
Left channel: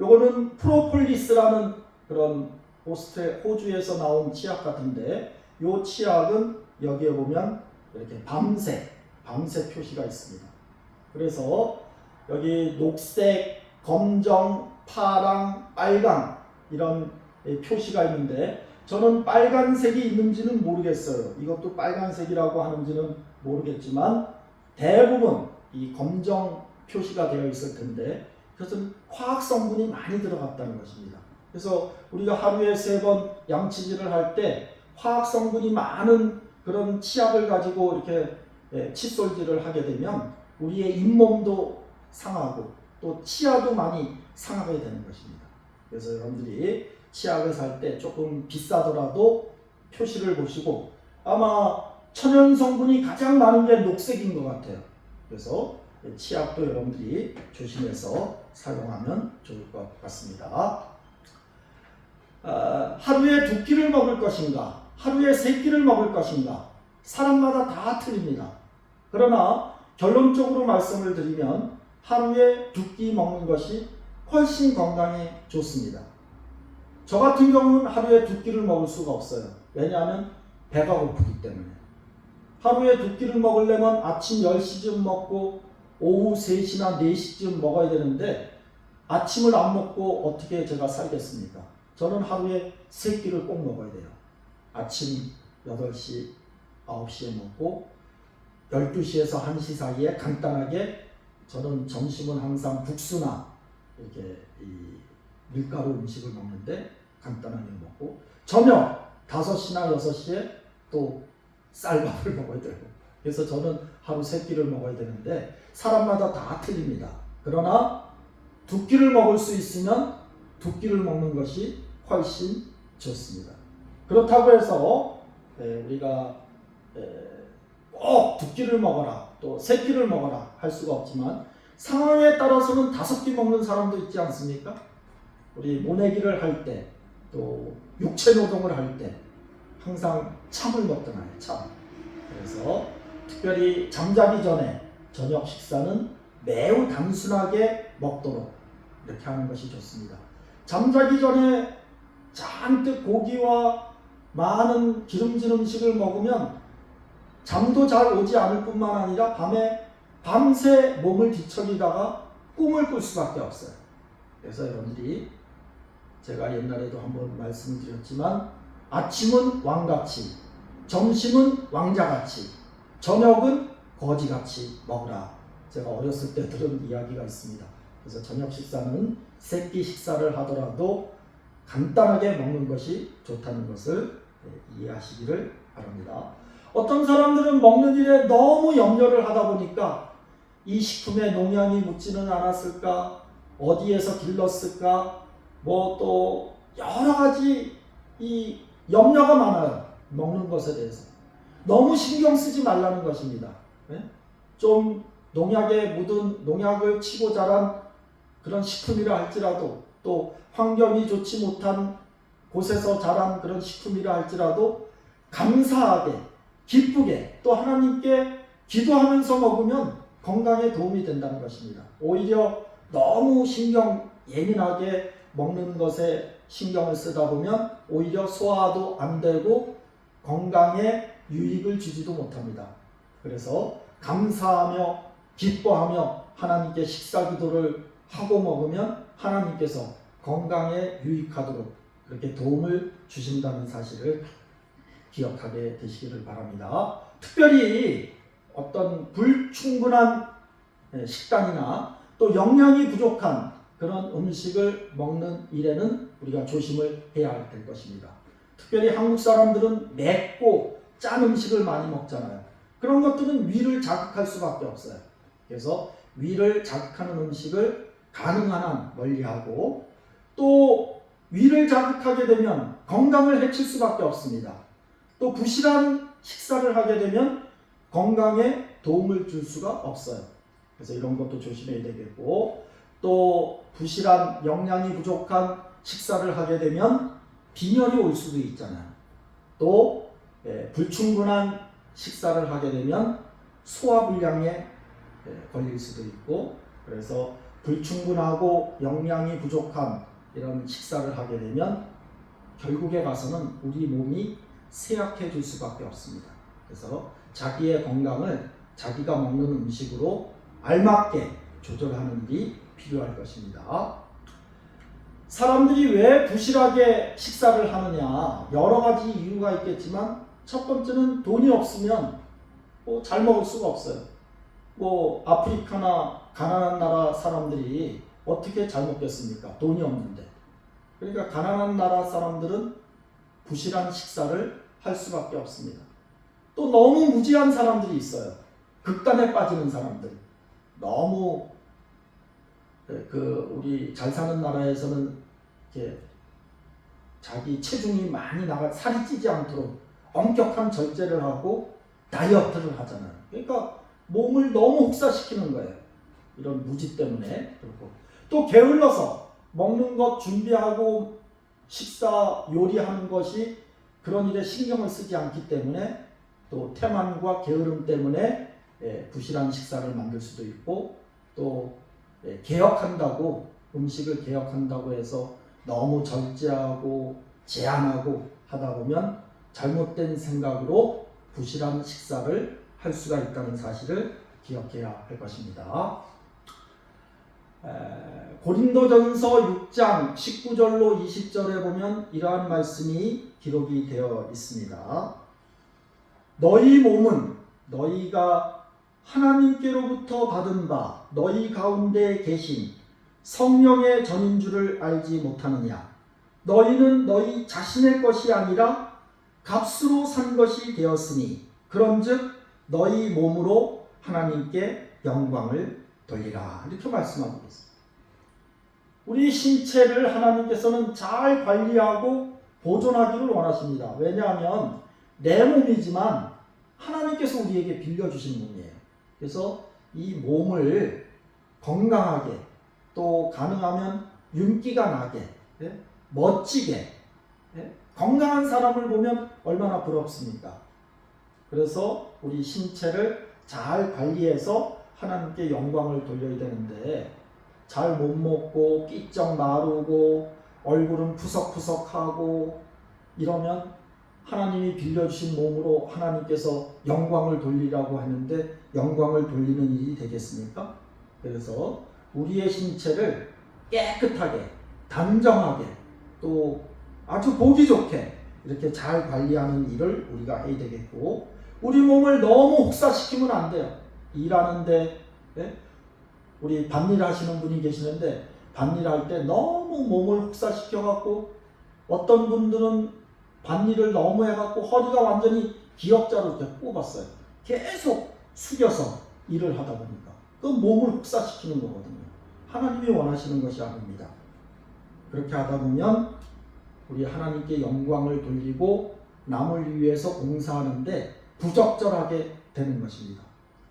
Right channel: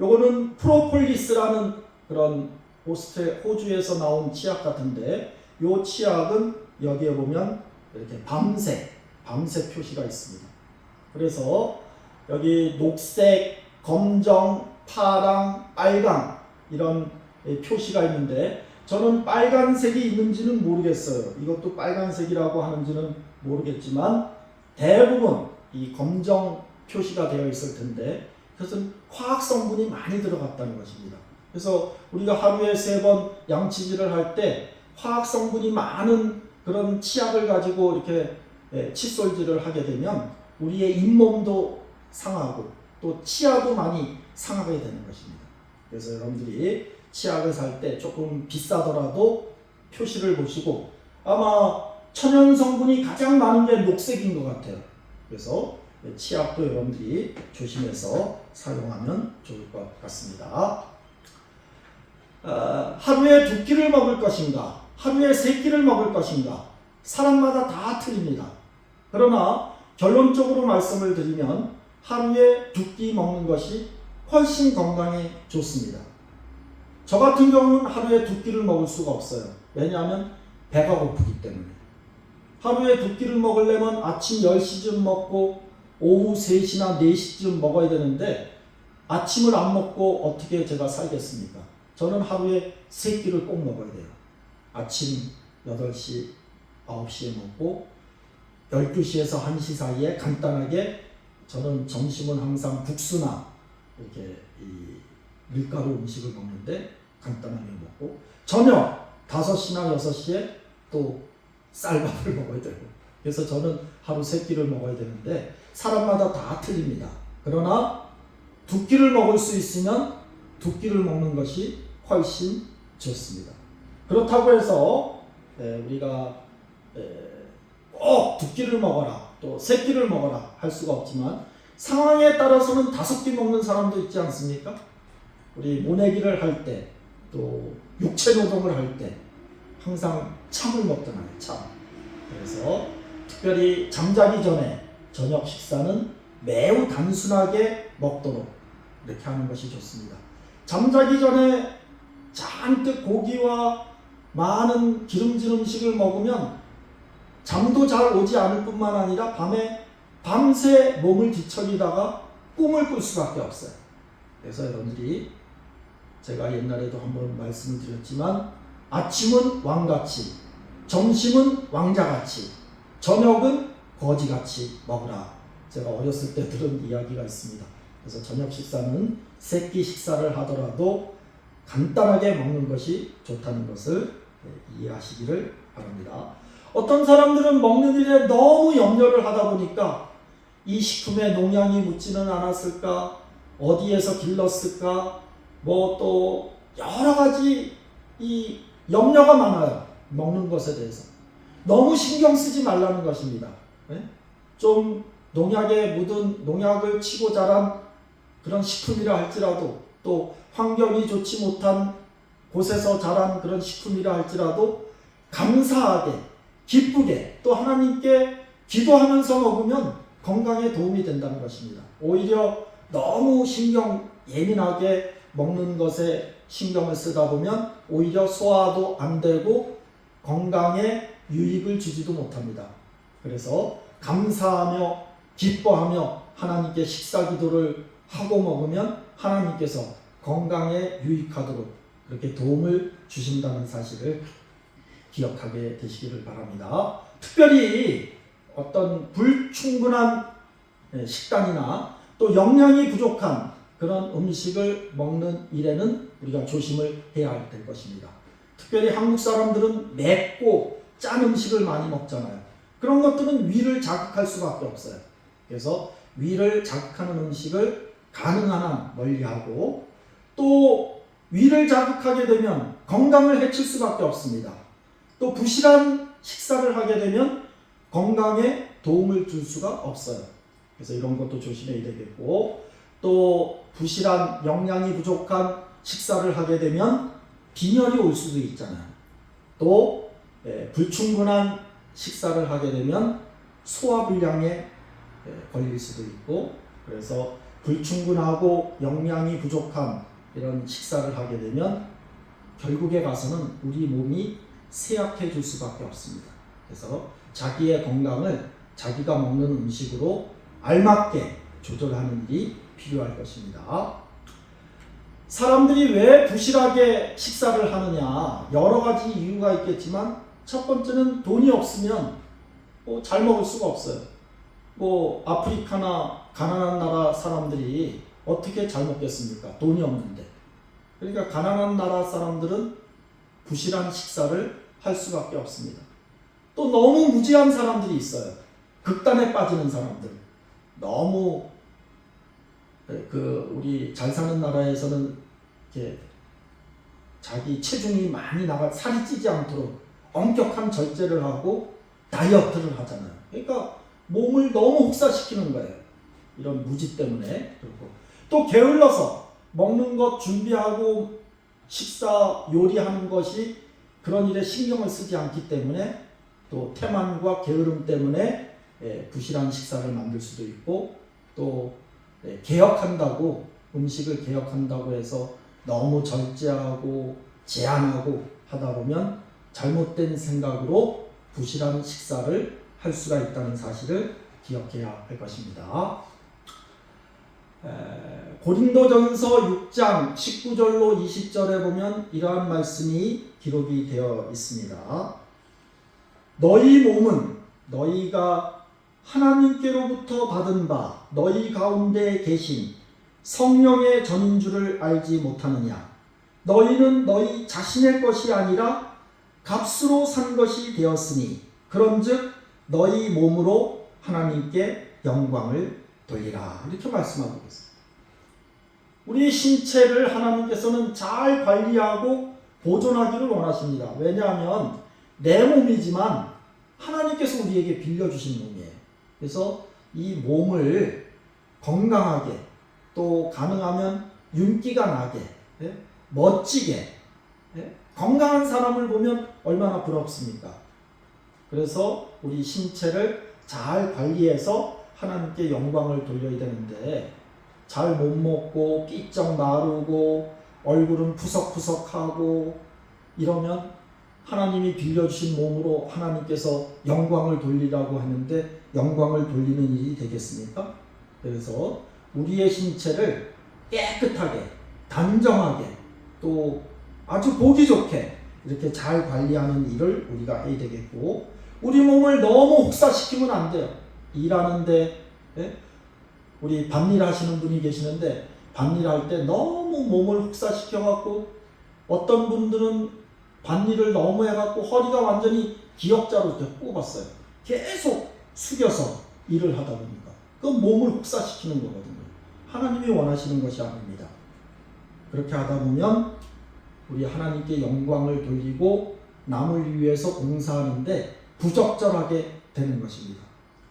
요거는 프로폴리스라는 그런 호주에서 나온 치약 같은데, 요 치약은 여기에 보면 이렇게 밤색 표시가 있습니다. 그래서 여기 녹색, 검정, 파랑, 빨강 이런 표시가 있는데, 저는 빨간색이 있는지는 모르겠어요. 이것도 빨간색이라고 하는지는 모르겠지만 대부분 이 검정 표시가 되어 있을 텐데, 그것은 화학 성분이 많이 들어갔다는 것입니다. 그래서 우리가 하루에 3번 양치질을 할 때 화학 성분이 많은 그런 치약을 가지고 이렇게 칫솔질을 하게 되면 우리의 잇몸도 상하고 또 치아도 많이 상하게 되는 것입니다. 그래서 여러분들이 치약을 살 때 조금 비싸더라도 표시를 보시고, 아마 천연 성분이 가장 많은 게 녹색인 것 같아요. 그래서 치약도 여러분들이 조심해서 사용하면 좋을 것 같습니다. 하루에 2끼를 먹을 것인가, 하루에 3끼를 먹을 것인가, 사람마다 다 틀립니다. 그러나 결론적으로 말씀을 드리면 하루에 2끼 먹는 것이 훨씬 건강에 좋습니다. 저 같은 경우는 하루에 2끼를 먹을 수가 없어요. 왜냐하면 배가 고프기 때문에. 하루에 2끼를 먹으려면 아침 10시쯤 먹고 오후 3시나 4시쯤 먹어야 되는데, 아침을 안 먹고 어떻게 제가 살겠습니까? 저는 하루에 3끼를 꼭 먹어야 돼요. 아침 8시, 9시에 먹고 12시에서 1시 사이에 간단하게, 저는 점심은 항상 국수나 이렇게 이 밀가루 음식을 먹는데 간단하게 먹고, 저녁 5시나 6시에 또 쌀밥을 먹어야 되고, 그래서 저는 하루 3끼를 먹어야 되는데 사람마다 다 틀립니다. 그러나 2끼를 먹을 수 있으면 2끼를 먹는 것이 훨씬 좋습니다. 그렇다고 해서 우리가 꼭 2끼를 먹어라, 또 3끼를 먹어라 할 수가 없지만, 상황에 따라서는 5끼 먹는 사람도 있지 않습니까? 우리 모내기를 할 때, 또 육체 노동을 할 때 항상 참을 먹잖아요. 참. 그래서 특별히 잠자기 전에 저녁 식사는 매우 단순하게 먹도록 이렇게 하는 것이 좋습니다. 잠자기 전에 잔뜩 고기와 많은 기름진 음식을 먹으면 잠도 잘 오지 않을 뿐만 아니라 밤새 몸을 뒤척이다가 꿈을 꿀 수밖에 없어요. 그래서 여러분들이 제가 옛날에도 한번 말씀을 드렸지만 아침은 왕같이, 점심은 왕자같이, 저녁은 거지같이 먹으라. 제가 어렸을 때 들은 이야기가 있습니다. 그래서 저녁 식사는 세끼 식사를 하더라도 간단하게 먹는 것이 좋다는 것을 이해하시기를 바랍니다. 어떤 사람들은 먹는 일에 너무 염려를 하다 보니까 이 식품에 농약이 묻지는 않았을까, 어디에서 길렀을까, 뭐 또 여러 가지 이 염려가 많아요. 먹는 것에 대해서 너무 신경 쓰지 말라는 것입니다. 좀 농약에 묻은, 농약을 치고 자란 그런 식품이라 할지라도, 또 환경이 좋지 못한 곳에서 자란 그런 식품이라 할지라도 감사하게, 기쁘게, 또 하나님께 기도하면서 먹으면 건강에 도움이 된다는 것입니다. 오히려 너무 예민하게 먹는 것에 신경을 쓰다 보면 오히려 소화도 안 되고 건강에 유익을 주지도 못합니다. 그래서 감사하며 기뻐하며 하나님께 식사 기도를 하고 먹으면 하나님께서 건강에 유익하도록 그렇게 도움을 주신다는 사실을 기억하게 되시기를 바랍니다. 특별히 어떤 불충분한 식단이나 또 영양이 부족한 그런 음식을 먹는 일에는 우리가 조심을 해야 될 것입니다. 특별히 한국 사람들은 맵고 짠 음식을 많이 먹잖아요. 그런 것들은 위를 자극할 수밖에 없어요. 그래서 위를 자극하는 음식을 가능한 한 멀리하고, 또 위를 자극하게 되면 건강을 해칠 수밖에 없습니다. 또 부실한 식사를 하게 되면 건강에 도움을 줄 수가 없어요. 그래서 이런 것도 조심해야 되겠고, 또 부실한 영양이 부족한 식사를 하게 되면 빈혈이 올 수도 있잖아요. 또 불충분한 식사를 하게 되면 소화불량에 걸릴 수도 있고, 그래서 불충분하고 영양이 부족한 이런 식사를 하게 되면 결국에 가서는 우리 몸이 쇠약해질 수밖에 없습니다. 그래서 자기의 건강을 자기가 먹는 음식으로 알맞게 조절하는 일이 필요할 것입니다. 사람들이 왜 부실하게 식사를 하느냐, 여러 가지 이유가 있겠지만 첫 번째는 돈이 없으면 잘 먹을 수가 없어요. 아프리카나 가난한 나라 사람들이 어떻게 잘 먹겠습니까? 돈이 없는데. 그러니까 가난한 나라 사람들은 부실한 식사를 할 수밖에 없습니다. 또 너무 무지한 사람들이 있어요. 극단에 빠지는 사람들. 너무 우리 잘 사는 나라에서는 이렇게 자기 체중이 많이 살이 찌지 않도록 엄격한 절제를 하고 다이어트를 하잖아요. 그러니까 몸을 너무 혹사시키는 거예요. 이런 무지 때문에. 그리고 또 게을러서 먹는 것 준비하고 식사 요리하는 것이 그런 일에 신경을 쓰지 않기 때문에, 또 태만과 게으름 때문에 부실한 식사를 만들 수도 있고, 또 음식을 개혁한다고 해서 너무 절제하고 제한하고 하다 보면 잘못된 생각으로 부실한 식사를 할 수가 있다는 사실을 기억해야 할 것입니다. 고린도전서 6장 19절로 20절에 보면 이러한 말씀이 기록이 되어 있습니다. 너희 몸은 너희가 하나님께로부터 받은 바 너희 가운데 계신 성령의 전인 줄을 알지 못하느냐. 너희는 너희 자신의 것이 아니라 값으로 산 것이 되었으니 그런즉 너희 몸으로 하나님께 영광을 돌리라. 이렇게 말씀하고 있습니다. 우리 신체를 하나님께서는 잘 관리하고 보존하기를 원하십니다. 왜냐하면 내 몸이지만 하나님께서 우리에게 빌려주신 몸이에요. 그래서 이 몸을 건강하게, 또 가능하면 윤기가 나게, 멋지게, 건강한 사람을 보면 얼마나 부럽습니까? 그래서 우리 신체를 잘 관리해서 하나님께 영광을 돌려야 되는데, 잘 못 먹고 삐쩍 마르고 얼굴은 푸석푸석하고 이러면 하나님이 빌려주신 몸으로 하나님께서 영광을 돌리라고 하는데 영광을 돌리는 일이 되겠습니까? 그래서 우리의 신체를 깨끗하게, 단정하게, 또 아주 보기 좋게 이렇게 잘 관리하는 일을 우리가 해야 되겠고, 우리 몸을 너무 혹사시키면 안 돼요. 일하는데 우리 밭일 하시는 분이 계시는데 밭일할 때 너무 몸을 혹사시켜 갖고 어떤 분들은 밭일을 너무 해갖고 허리가 완전히 기역자로 이렇게 꼽았어요. 계속 숙여서 일을 하다 보니까 그 몸을 혹사시키는 거거든요. 하나님이 원하시는 것이 아닙니다. 그렇게 하다 보면 우리 하나님께 영광을 돌리고 남을 위해서 공사하는데 부적절하게 되는 것입니다.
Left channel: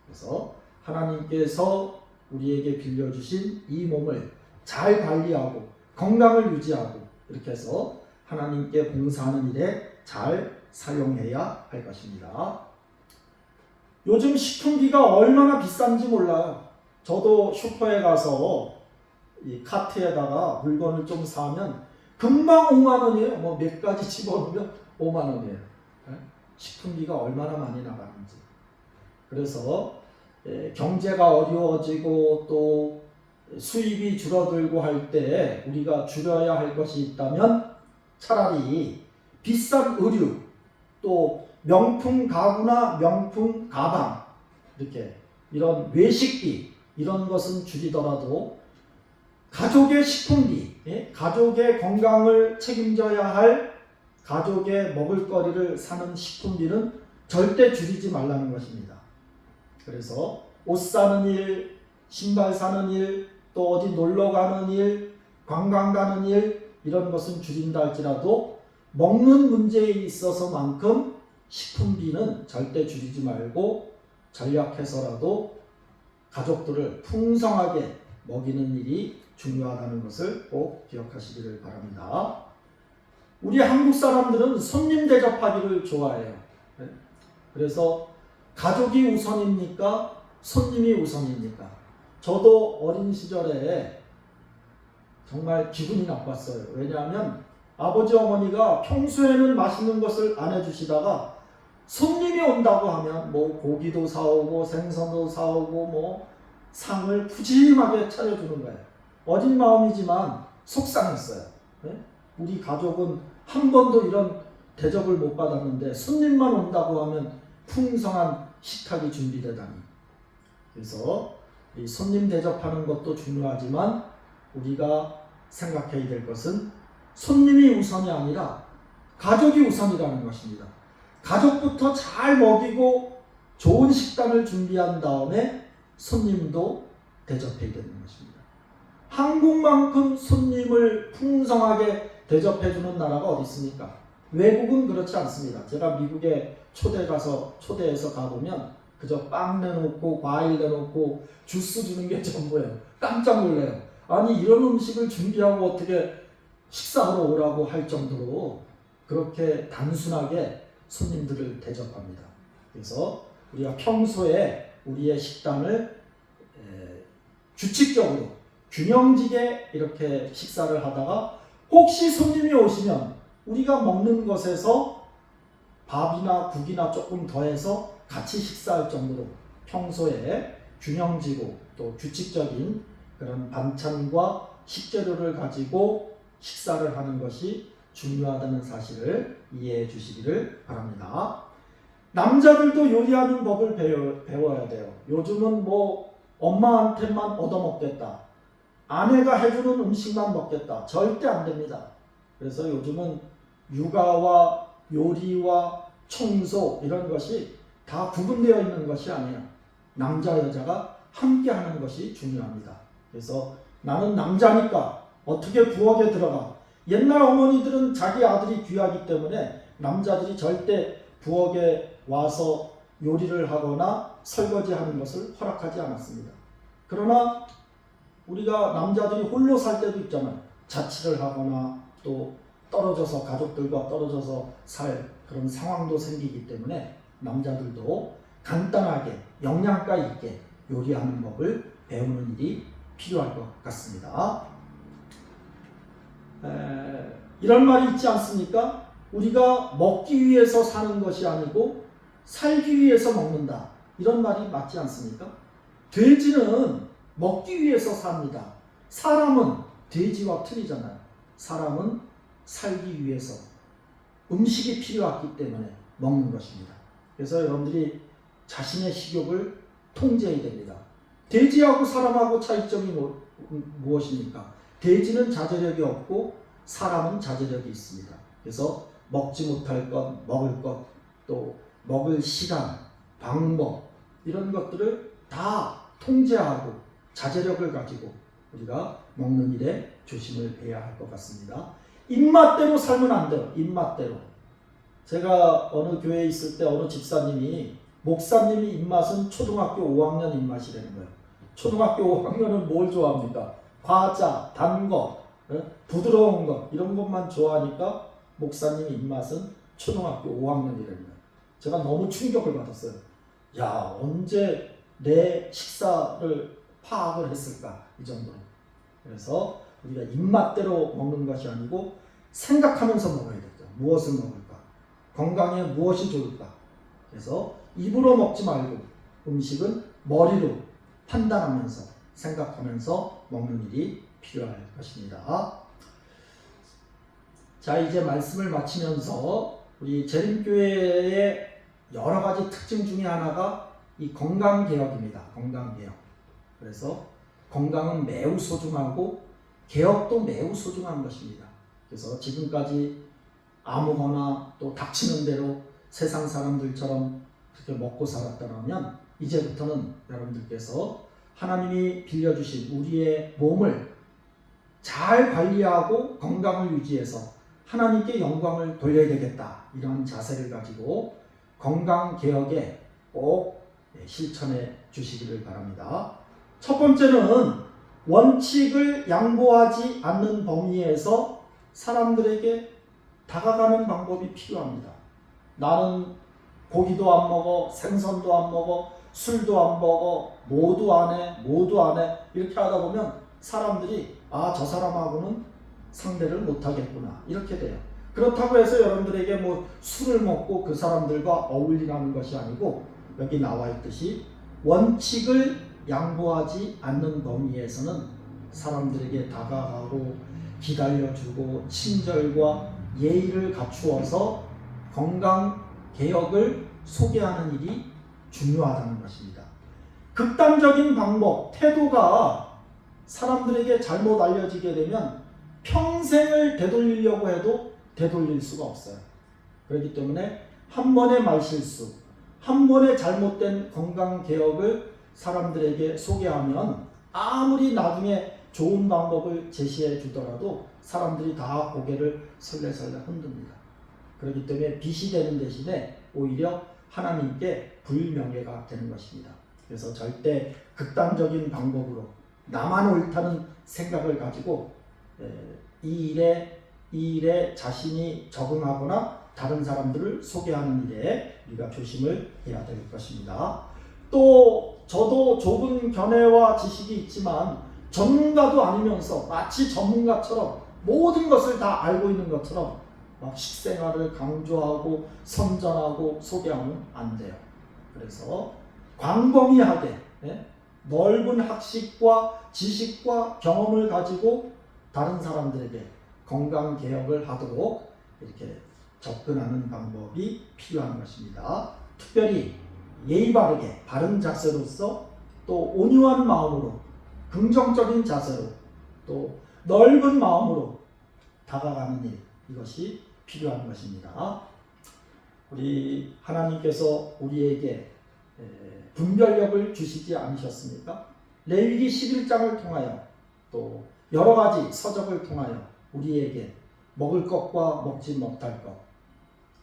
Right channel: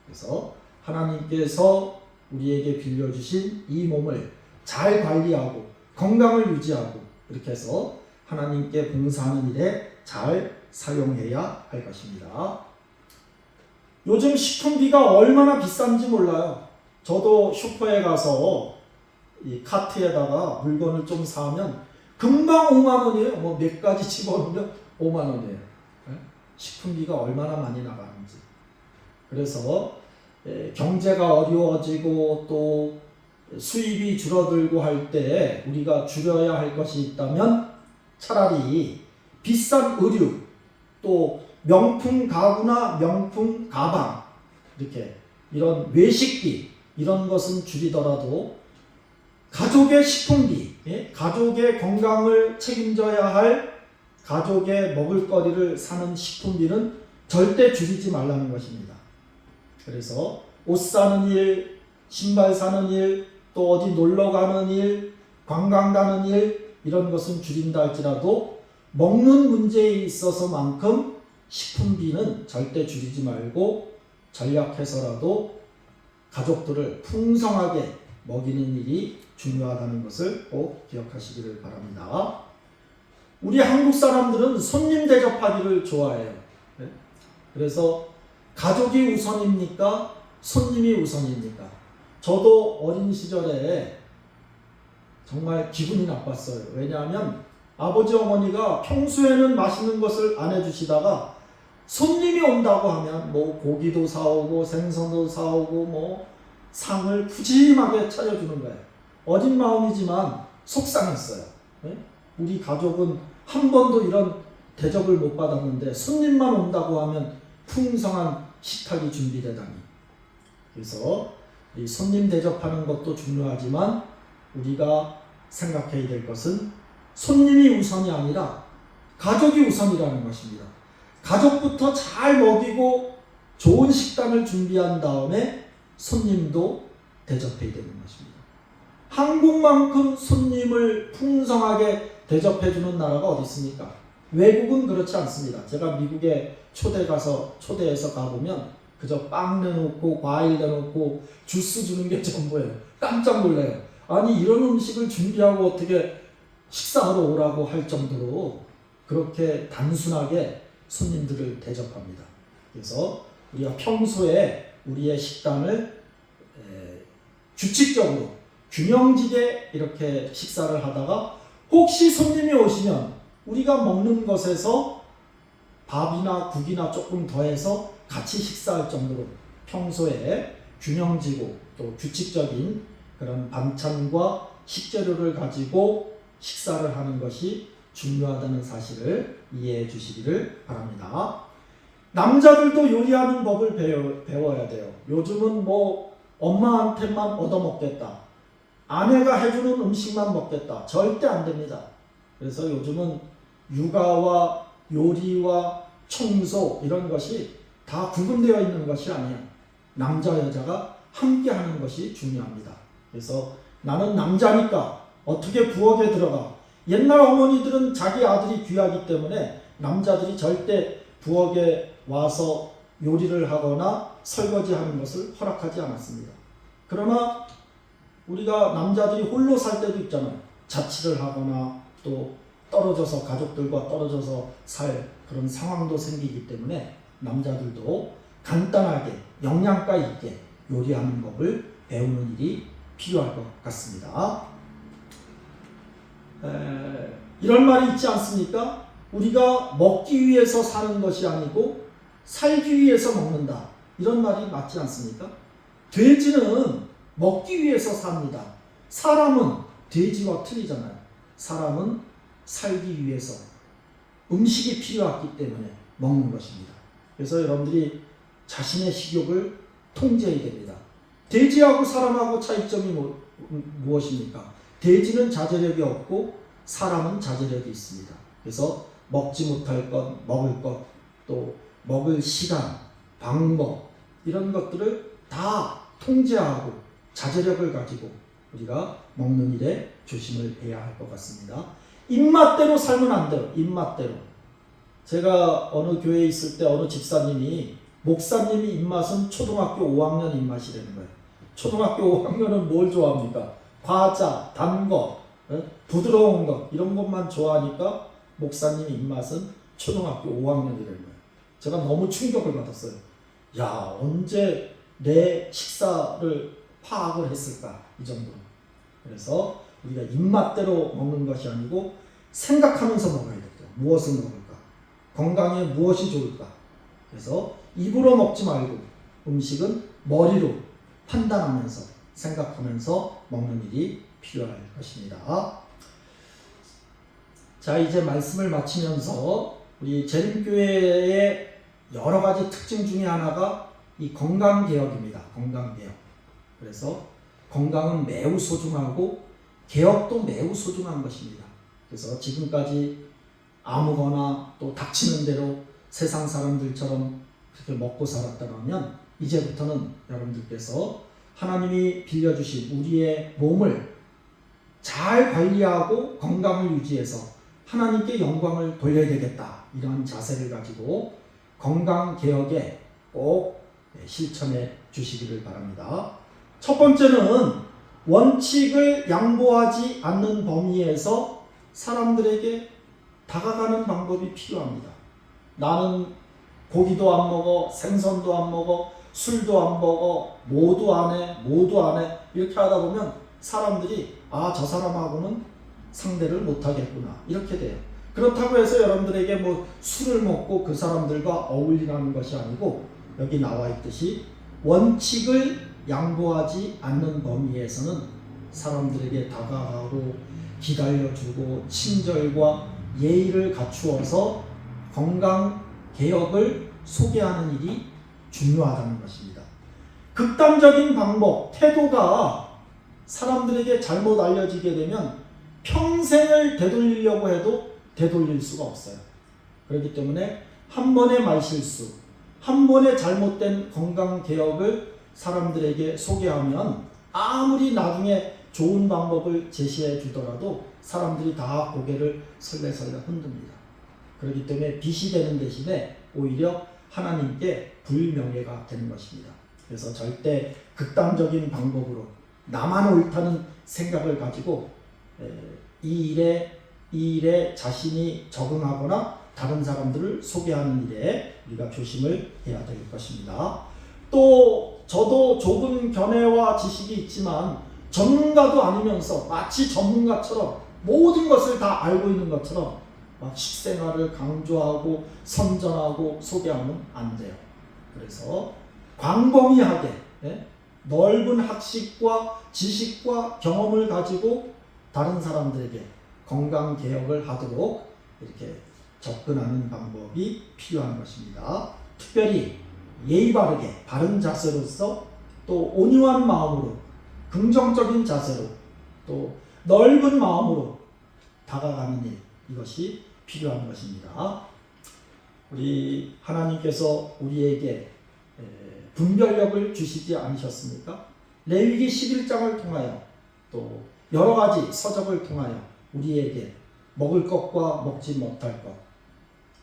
그래서 하나님께서 우리에게 빌려주신 이 몸을 잘 관리하고 건강을 유지하고 이렇게 해서 하나님께 봉사하는 일에 잘 사용해야 할 것입니다. 요즘 식품비가 얼마나 비싼지 몰라요. 저도 슈퍼에 가서 이 카트에다가 물건을 좀 사면 금방 5만 원이에요. 뭐 몇 가지 집어넣으면 5만 원이에요. 식품비가 얼마나 많이 나가는지. 그래서 경제가 어려워지고 또 수입이 줄어들고 할 때 우리가 줄여야 할 것이 있다면 차라리 비싼 의류, 또 명품 가구나 명품 가방, 이렇게 이런 외식비 이런 것은 줄이더라도 가족의 식품비, 가족의 건강을 책임져야 할 가족의 먹을거리를 사는 식품비는 절대 줄이지 말라는 것입니다. 그래서 옷 사는 일, 신발 사는 일, 또 어디 놀러 가는 일, 관광 가는 일, 이런 것은 줄인다 할지라도 먹는 문제에 있어서만큼 식품비는 절대 줄이지 말고 전략해서라도 가족들을 풍성하게 먹이는 일이 중요하다는 것을 꼭 기억하시기를 바랍니다. 우리 한국 사람들은 손님 대접하기를 좋아해요. 그래서 가족이 우선입니까? 손님이 우선입니까? 저도 어린 시절에 정말 기분이 나빴어요. 왜냐하면 아버지 어머니가 평소에는 맛있는 것을 안 해주시다가 손님이 온다고 하면 뭐 고기도 사오고 생선도 사오고 뭐 상을 푸짐하게 차려주는 거예요. 어린 마음이지만 속상했어요. 우리 가족은 한 번도 이런 대접을 못 받았는데 손님만 온다고 하면 풍성한 식탁이 준비되다니. 그래서 이 손님 대접하는 것도 중요하지만 우리가 생각해야 될 것은 손님이 우선이 아니라 가족이 우선이라는 것입니다. 가족부터 잘 먹이고 좋은 식단을 준비한 다음에 손님도 대접해야 되는 것입니다. 한국만큼 손님을 풍성하게 대접해주는 나라가 어디 있습니까? 외국은 그렇지 않습니다. 제가 미국에 초대해서 가보면 그저 빵 내놓고 과일 내놓고 주스 주는 게 전부예요. 깜짝 놀래요. 아니 이런 음식을 준비하고 어떻게 식사하러 오라고 할 정도로 그렇게 단순하게 손님들을 대접합니다. 그래서 우리가 평소에 우리의 식단을 규칙적으로 균형지게 이렇게 식사를 하다가 혹시 손님이 오시면 우리가 먹는 것에서 밥이나 국이나 조금 더해서 같이 식사할 정도로 평소에 균형지고 또 규칙적인 그런 반찬과 식재료를 가지고 식사를 하는 것이 중요하다는 사실을 이해해 주시기를 바랍니다. 남자들도 요리하는 법을 배워야 돼요. 요즘은 뭐 엄마한테만 얻어먹겠다, 아내가 해주는 음식만 먹겠다, 절대 안 됩니다. 그래서 요즘은 육아와 요리와 청소 이런 것이 다 구분되어 있는 것이 아니에요. 남자 여자가 함께 하는 것이 중요합니다. 그래서 나는 남자니까 어떻게 부엌에 들어가. 옛날 어머니들은 자기 아들이 귀하기 때문에 남자들이 절대 부엌에 와서 요리를 하거나 설거지하는 것을 허락하지 않았습니다. 그러나 우리가 남자들이 홀로 살 때도 있잖아요. 자취를 하거나 또 떨어져서 가족들과 떨어져서 살 그런 상황도 생기기 때문에 남자들도 간단하게 영양가 있게 요리하는 법을 배우는 일이 필요할 것 같습니다. 이런 말이 있지 않습니까? 우리가 먹기 위해서 사는 것이 아니고 살기 위해서 먹는다. 이런 말이 맞지 않습니까? 돼지는 먹기 위해서 삽니다. 사람은 돼지와 틀리잖아요. 사람은 살기 위해서 음식이 필요했기 때문에 먹는 것입니다. 그래서 여러분들이 자신의 식욕을 통제해야 됩니다. 돼지하고 사람하고 차이점이 무엇입니까? 돼지는 자제력이 없고 사람은 자제력이 있습니다. 그래서 먹지 못할 것, 먹을 것, 또 먹을 시간, 방법 이런 것들을 다 통제하고 자제력을 가지고 우리가 먹는 일에 조심을 해야 할 것 같습니다. 입맛대로 살면 안 돼요. 입맛대로. 제가 어느 교회에 있을 때 어느 집사님이 목사님이 입맛은 초등학교 5학년 입맛이라는 거예요. 초등학교 5학년은 뭘 좋아합니까? 과자, 단 것, 부드러운 것 이런 것만 좋아하니까 목사님 입맛은 초등학교 5학년이라는 거예요. 제가 너무 충격을 받았어요. 야, 언제 내 식사를 파악을 했을까? 이 정도로. 그래서 우리가 입맛대로 먹는 것이 아니고 생각하면서 먹어야 되죠. 무엇을 먹을까? 건강에 무엇이 좋을까? 그래서 입으로 먹지 말고 음식은 머리로 판단하면서 생각하면서 먹는 일이 필요할 것입니다. 자, 이제 말씀을 마치면서 우리 재림교회의 여러 가지 특징 중에 하나가 이 건강개혁입니다. 건강개혁. 그래서 건강은 매우 소중하고 개혁도 매우 소중한 것입니다. 그래서 지금까지 아무거나 또 닥치는 대로 세상 사람들처럼 그렇게 먹고 살았다면 이제부터는 여러분들께서 하나님이 빌려주신 우리의 몸을 잘 관리하고 건강을 유지해서 하나님께 영광을 돌려야 되겠다. 이런 자세를 가지고 건강개혁에 꼭 실천해 주시기를 바랍니다. 첫 번째는 원칙을 양보하지 않는 범위에서 사람들에게 다가가는 방법이 필요합니다. 나는 고기도 안 먹어, 생선도 안 먹어, 술도 안 먹어, 모두 안 해 이렇게 하다 보면 사람들이 저 사람하고는 상대를 못 하겠구나 이렇게 돼요. 그렇다고 해서 여러분들에게 뭐 술을 먹고 그 사람들과 어울리라는 것이 아니고 여기 나와 있듯이 원칙을 양보하지 않는 범위에서는 사람들에게 다가가고 기다려주고 친절과 예의를 갖추어서 건강 개혁을 소개하는 일이 중요하다는 것입니다. 극단적인 방법, 태도가 사람들에게 잘못 알려지게 되면 평생을 되돌리려고 해도 되돌릴 수가 없어요. 그렇기 때문에 한 번의 말실수, 한 번의 잘못된 건강 개혁을 사람들에게 소개하면 아무리 나중에 좋은 방법을 제시해 주더라도 사람들이 다 고개를 설레설레 흔듭니다. 그렇기 때문에 빛이 되는 대신에 오히려 하나님께 불명예가 되는 것입니다. 그래서 절대 극단적인 방법으로 나만 옳다는 생각을 가지고 이 일에 자신이 적응하거나 다른 사람들을 소개하는 일에 우리가 조심을 해야 될 것입니다. 또 저도 좁은 견해와 지식이 있지만 전문가도 아니면서 마치 전문가처럼 모든 것을 다 알고 있는 것처럼 막 식생활을 강조하고 선전하고 소개하면 안 돼요. 그래서 광범위하게 넓은 학식과 지식과 경험을 가지고 다른 사람들에게 건강 개혁을 하도록 이렇게 접근하는 방법이 필요한 것입니다. 특별히 예의 바르게 바른 자세로서 또 온유한 마음으로 긍정적인 자세로 또 넓은 마음으로 다가가는 일, 이것이 필요한 것입니다. 우리 하나님께서 우리에게 분별력을 주시지 않으셨습니까? 레위기 11장을 통하여 또 여러 가지 서적을 통하여 우리에게 먹을 것과 먹지 못할 것,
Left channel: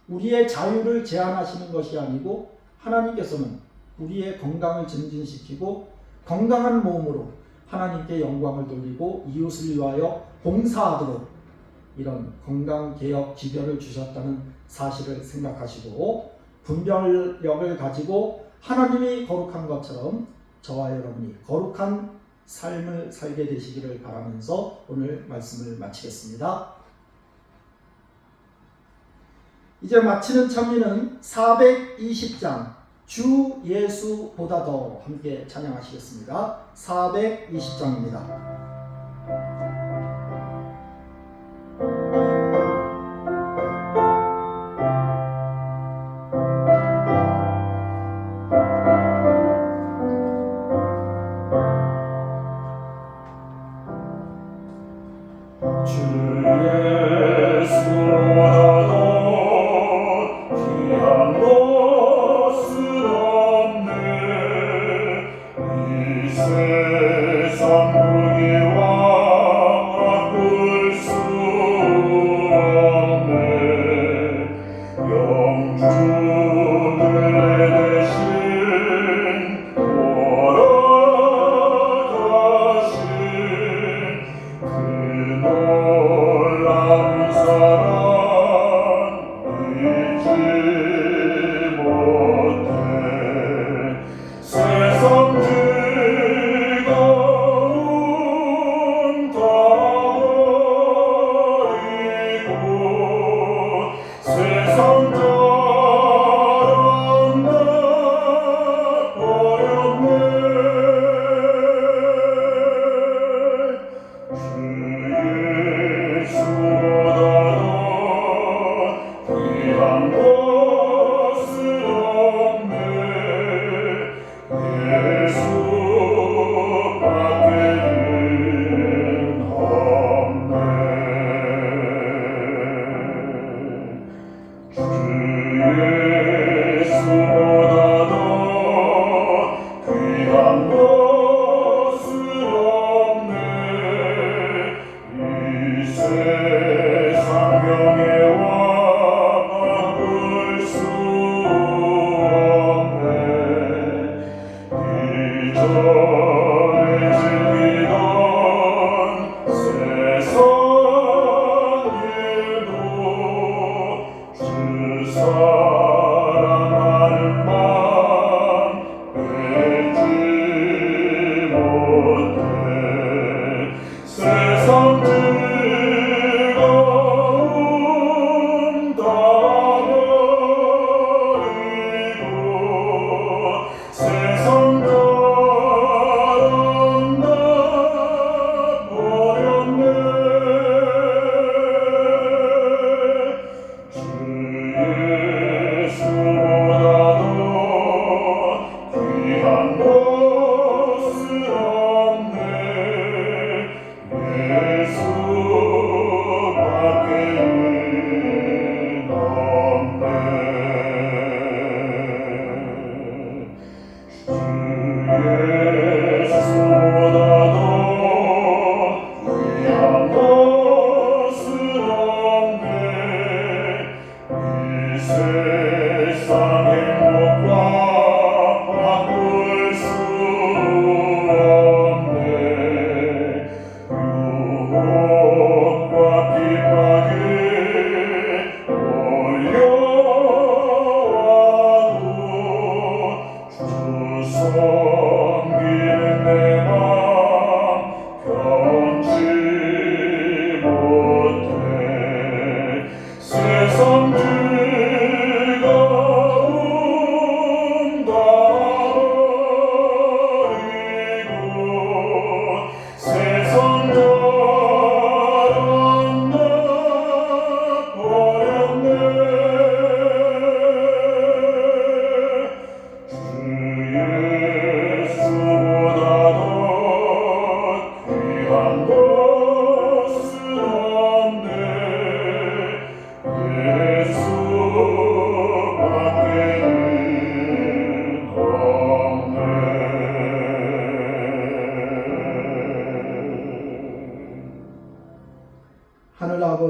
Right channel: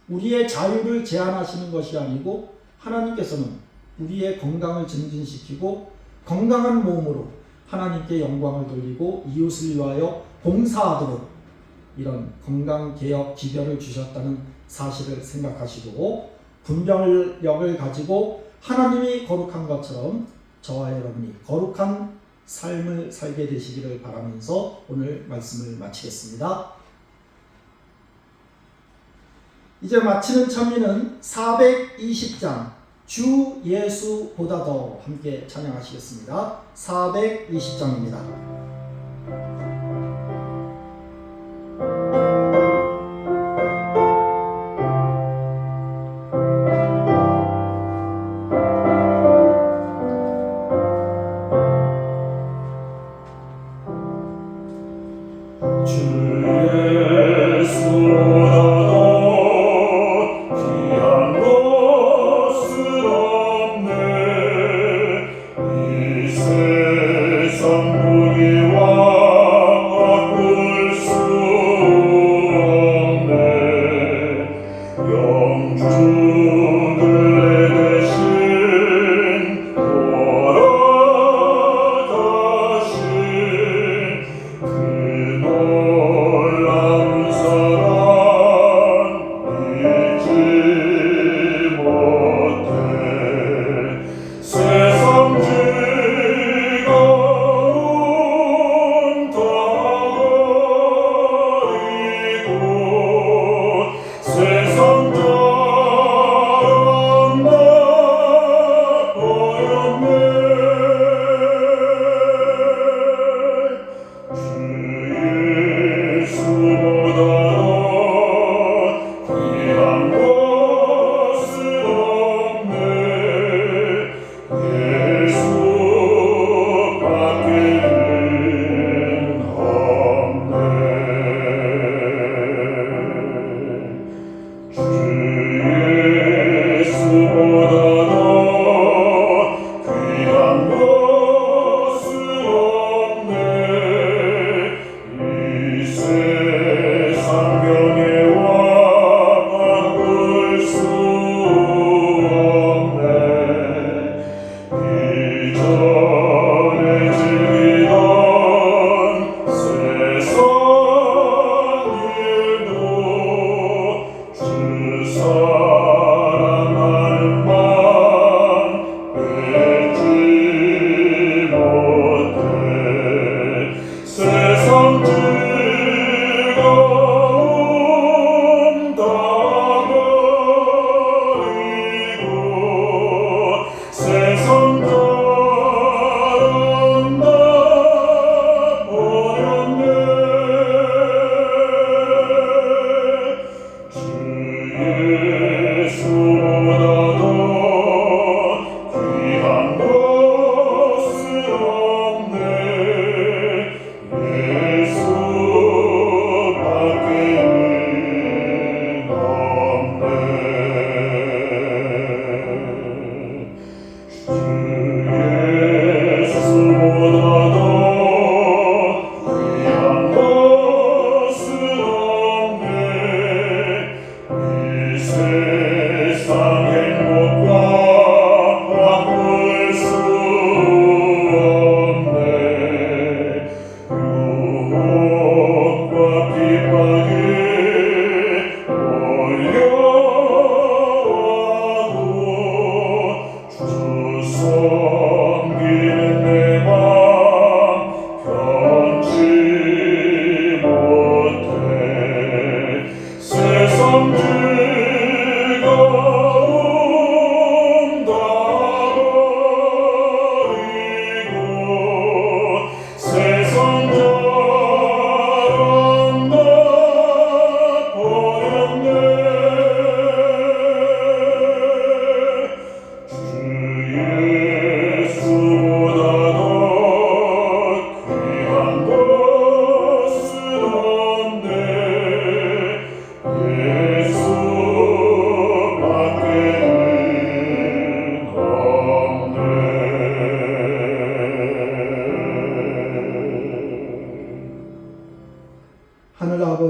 우리의 자유를 제한하시는 것이 아니고 하나님께서는 우리의 건강을 증진시키고 건강한 몸으로 하나님께 영광을 돌리고 이웃을 위하여 봉사하도록 이런 건강개혁 지별을 주셨다는 사실을 생각하시고 분별력을 가지고 하나님이 거룩한 것처럼 저와 여러분이 거룩한 삶을 살게 되시기를 바라면서 오늘 말씀을 마치겠습니다. 이제 마치는 찬미는 420장 주 예수보다 더 함께 찬양하시겠습니다. 420장입니다.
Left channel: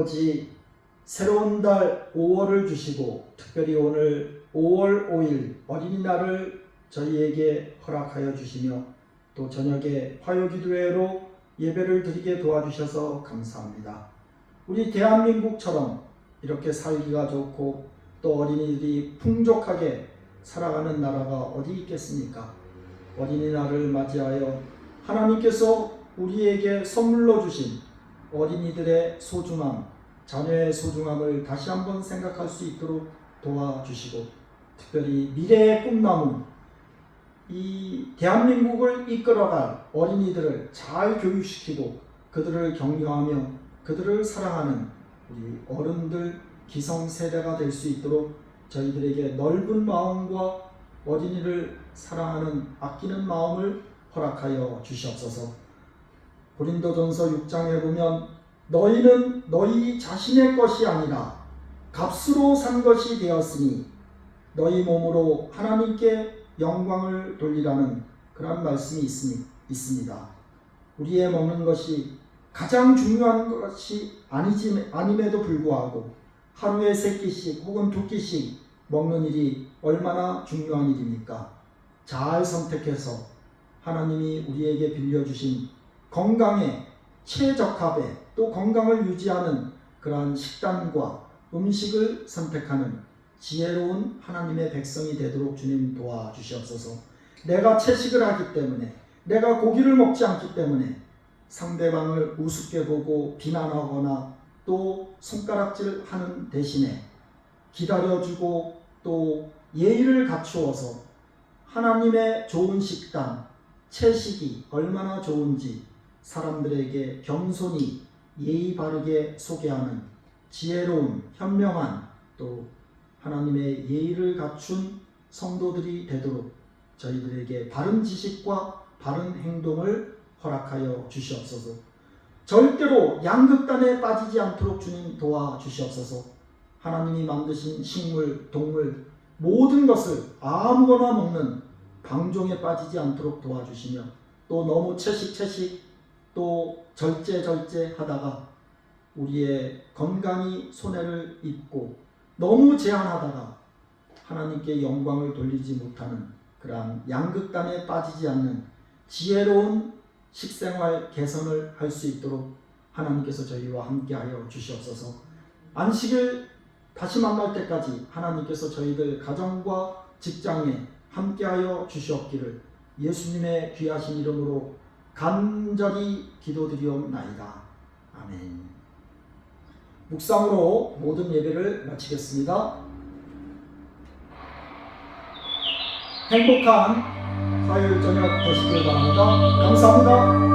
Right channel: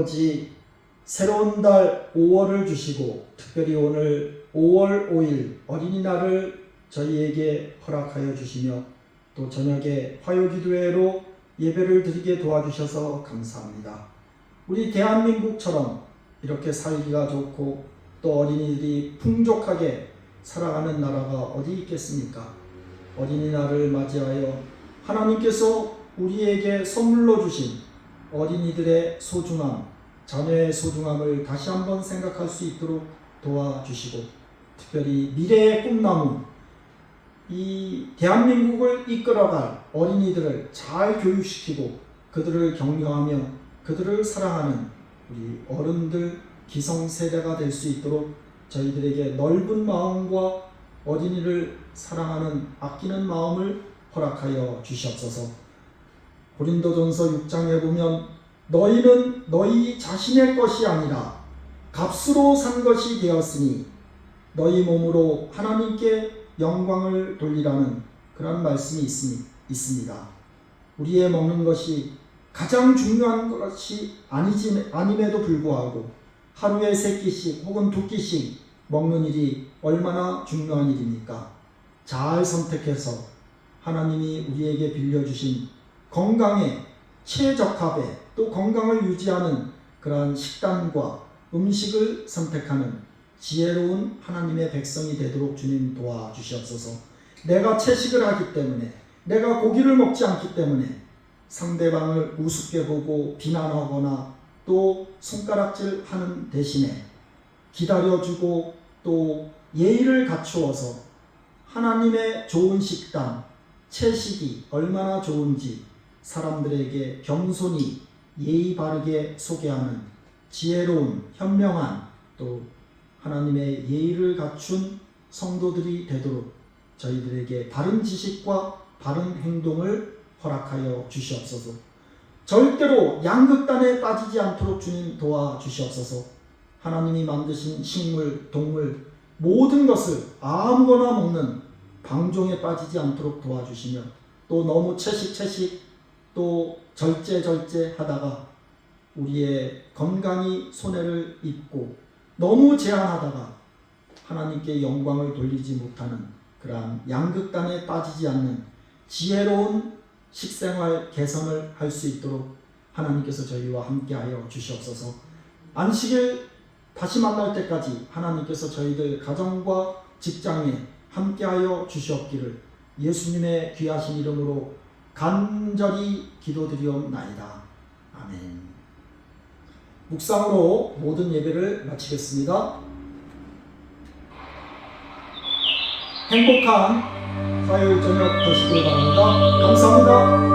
아버지, 새로운 달 5월을 주시고 특별히 오늘 5월 5일 어린이날을 저희에게 허락하여 주시며 또 저녁에 화요기도회로 예배를 드리게 도와주셔서 감사합니다. 우리 대한민국처럼 이렇게 살기가 좋고 또 어린이들이 풍족하게 살아가는 나라가 어디 있겠습니까? 어린이날을 맞이하여 하나님께서 우리에게 선물로 주신 어린이들의 소중함, 자녀의 소중함을 다시 한번 생각할 수 있도록 도와주시고 특별히 미래의 꿈나무, 이 대한민국을 이끌어갈 어린이들을 잘 교육시키고 그들을 격려하며 그들을 사랑하는 우리 어른들 기성세대가 될 수 있도록 저희들에게 넓은 마음과 어린이를 사랑하는 아끼는 마음을 허락하여 주시옵소서. 고린도전서 6장에 보면 너희는 너희 자신의 것이 아니라 값으로 산 것이 되었으니 너희 몸으로 하나님께 영광을 돌리라는 그런 말씀이 있습니다. 우리의 먹는 것이 가장 중요한 것이 아님에도 불구하고 하루에 3끼씩 혹은 2끼씩 먹는 일이 얼마나 중요한 일입니까? 잘 선택해서 하나님이 우리에게 빌려주신 건강에 최적합에 또 건강을 유지하는 그러한 식단과 음식을 선택하는 지혜로운 하나님의 백성이 되도록 주님 도와주시옵소서. 내가 채식을 하기 때문에 내가 고기를 먹지 않기 때문에 상대방을 우습게 보고 비난하거나 또 손가락질하는 대신에 기다려주고 또 예의를 갖추어서 하나님의 좋은 식단, 채식이 얼마나 좋은지 사람들에게 겸손히 예의 바르게 소개하는 지혜로운 현명한 또 하나님의 예의를 갖춘 성도들이 되도록 저희들에게 바른 지식과 바른 행동을 허락하여 주시옵소서. 절대로 양극단에 빠지지 않도록 주님 도와주시옵소서. 하나님이 만드신 식물, 동물 모든 것을 아무거나 먹는 방종에 빠지지 않도록 도와주시며 또 너무 채식 또 절제 하다가 우리의 건강이 손해를 입고 너무 제한하다가 하나님께 영광을 돌리지 못하는 그러한 양극단에 빠지지 않는 지혜로운 식생활 개선을 할 수 있도록 하나님께서 저희와 함께하여 주시옵소서. 안식일 다시 만날 때까지 하나님께서 저희들 가정과 직장에 함께하여 주시옵기를 예수님의 귀하신 이름으로 간절히 기도드리옵나이다. 아멘. 묵상으로 모든 예배를 마치겠습니다. 행복한 화요일 저녁 되시길 바랍니다. 감사합니다.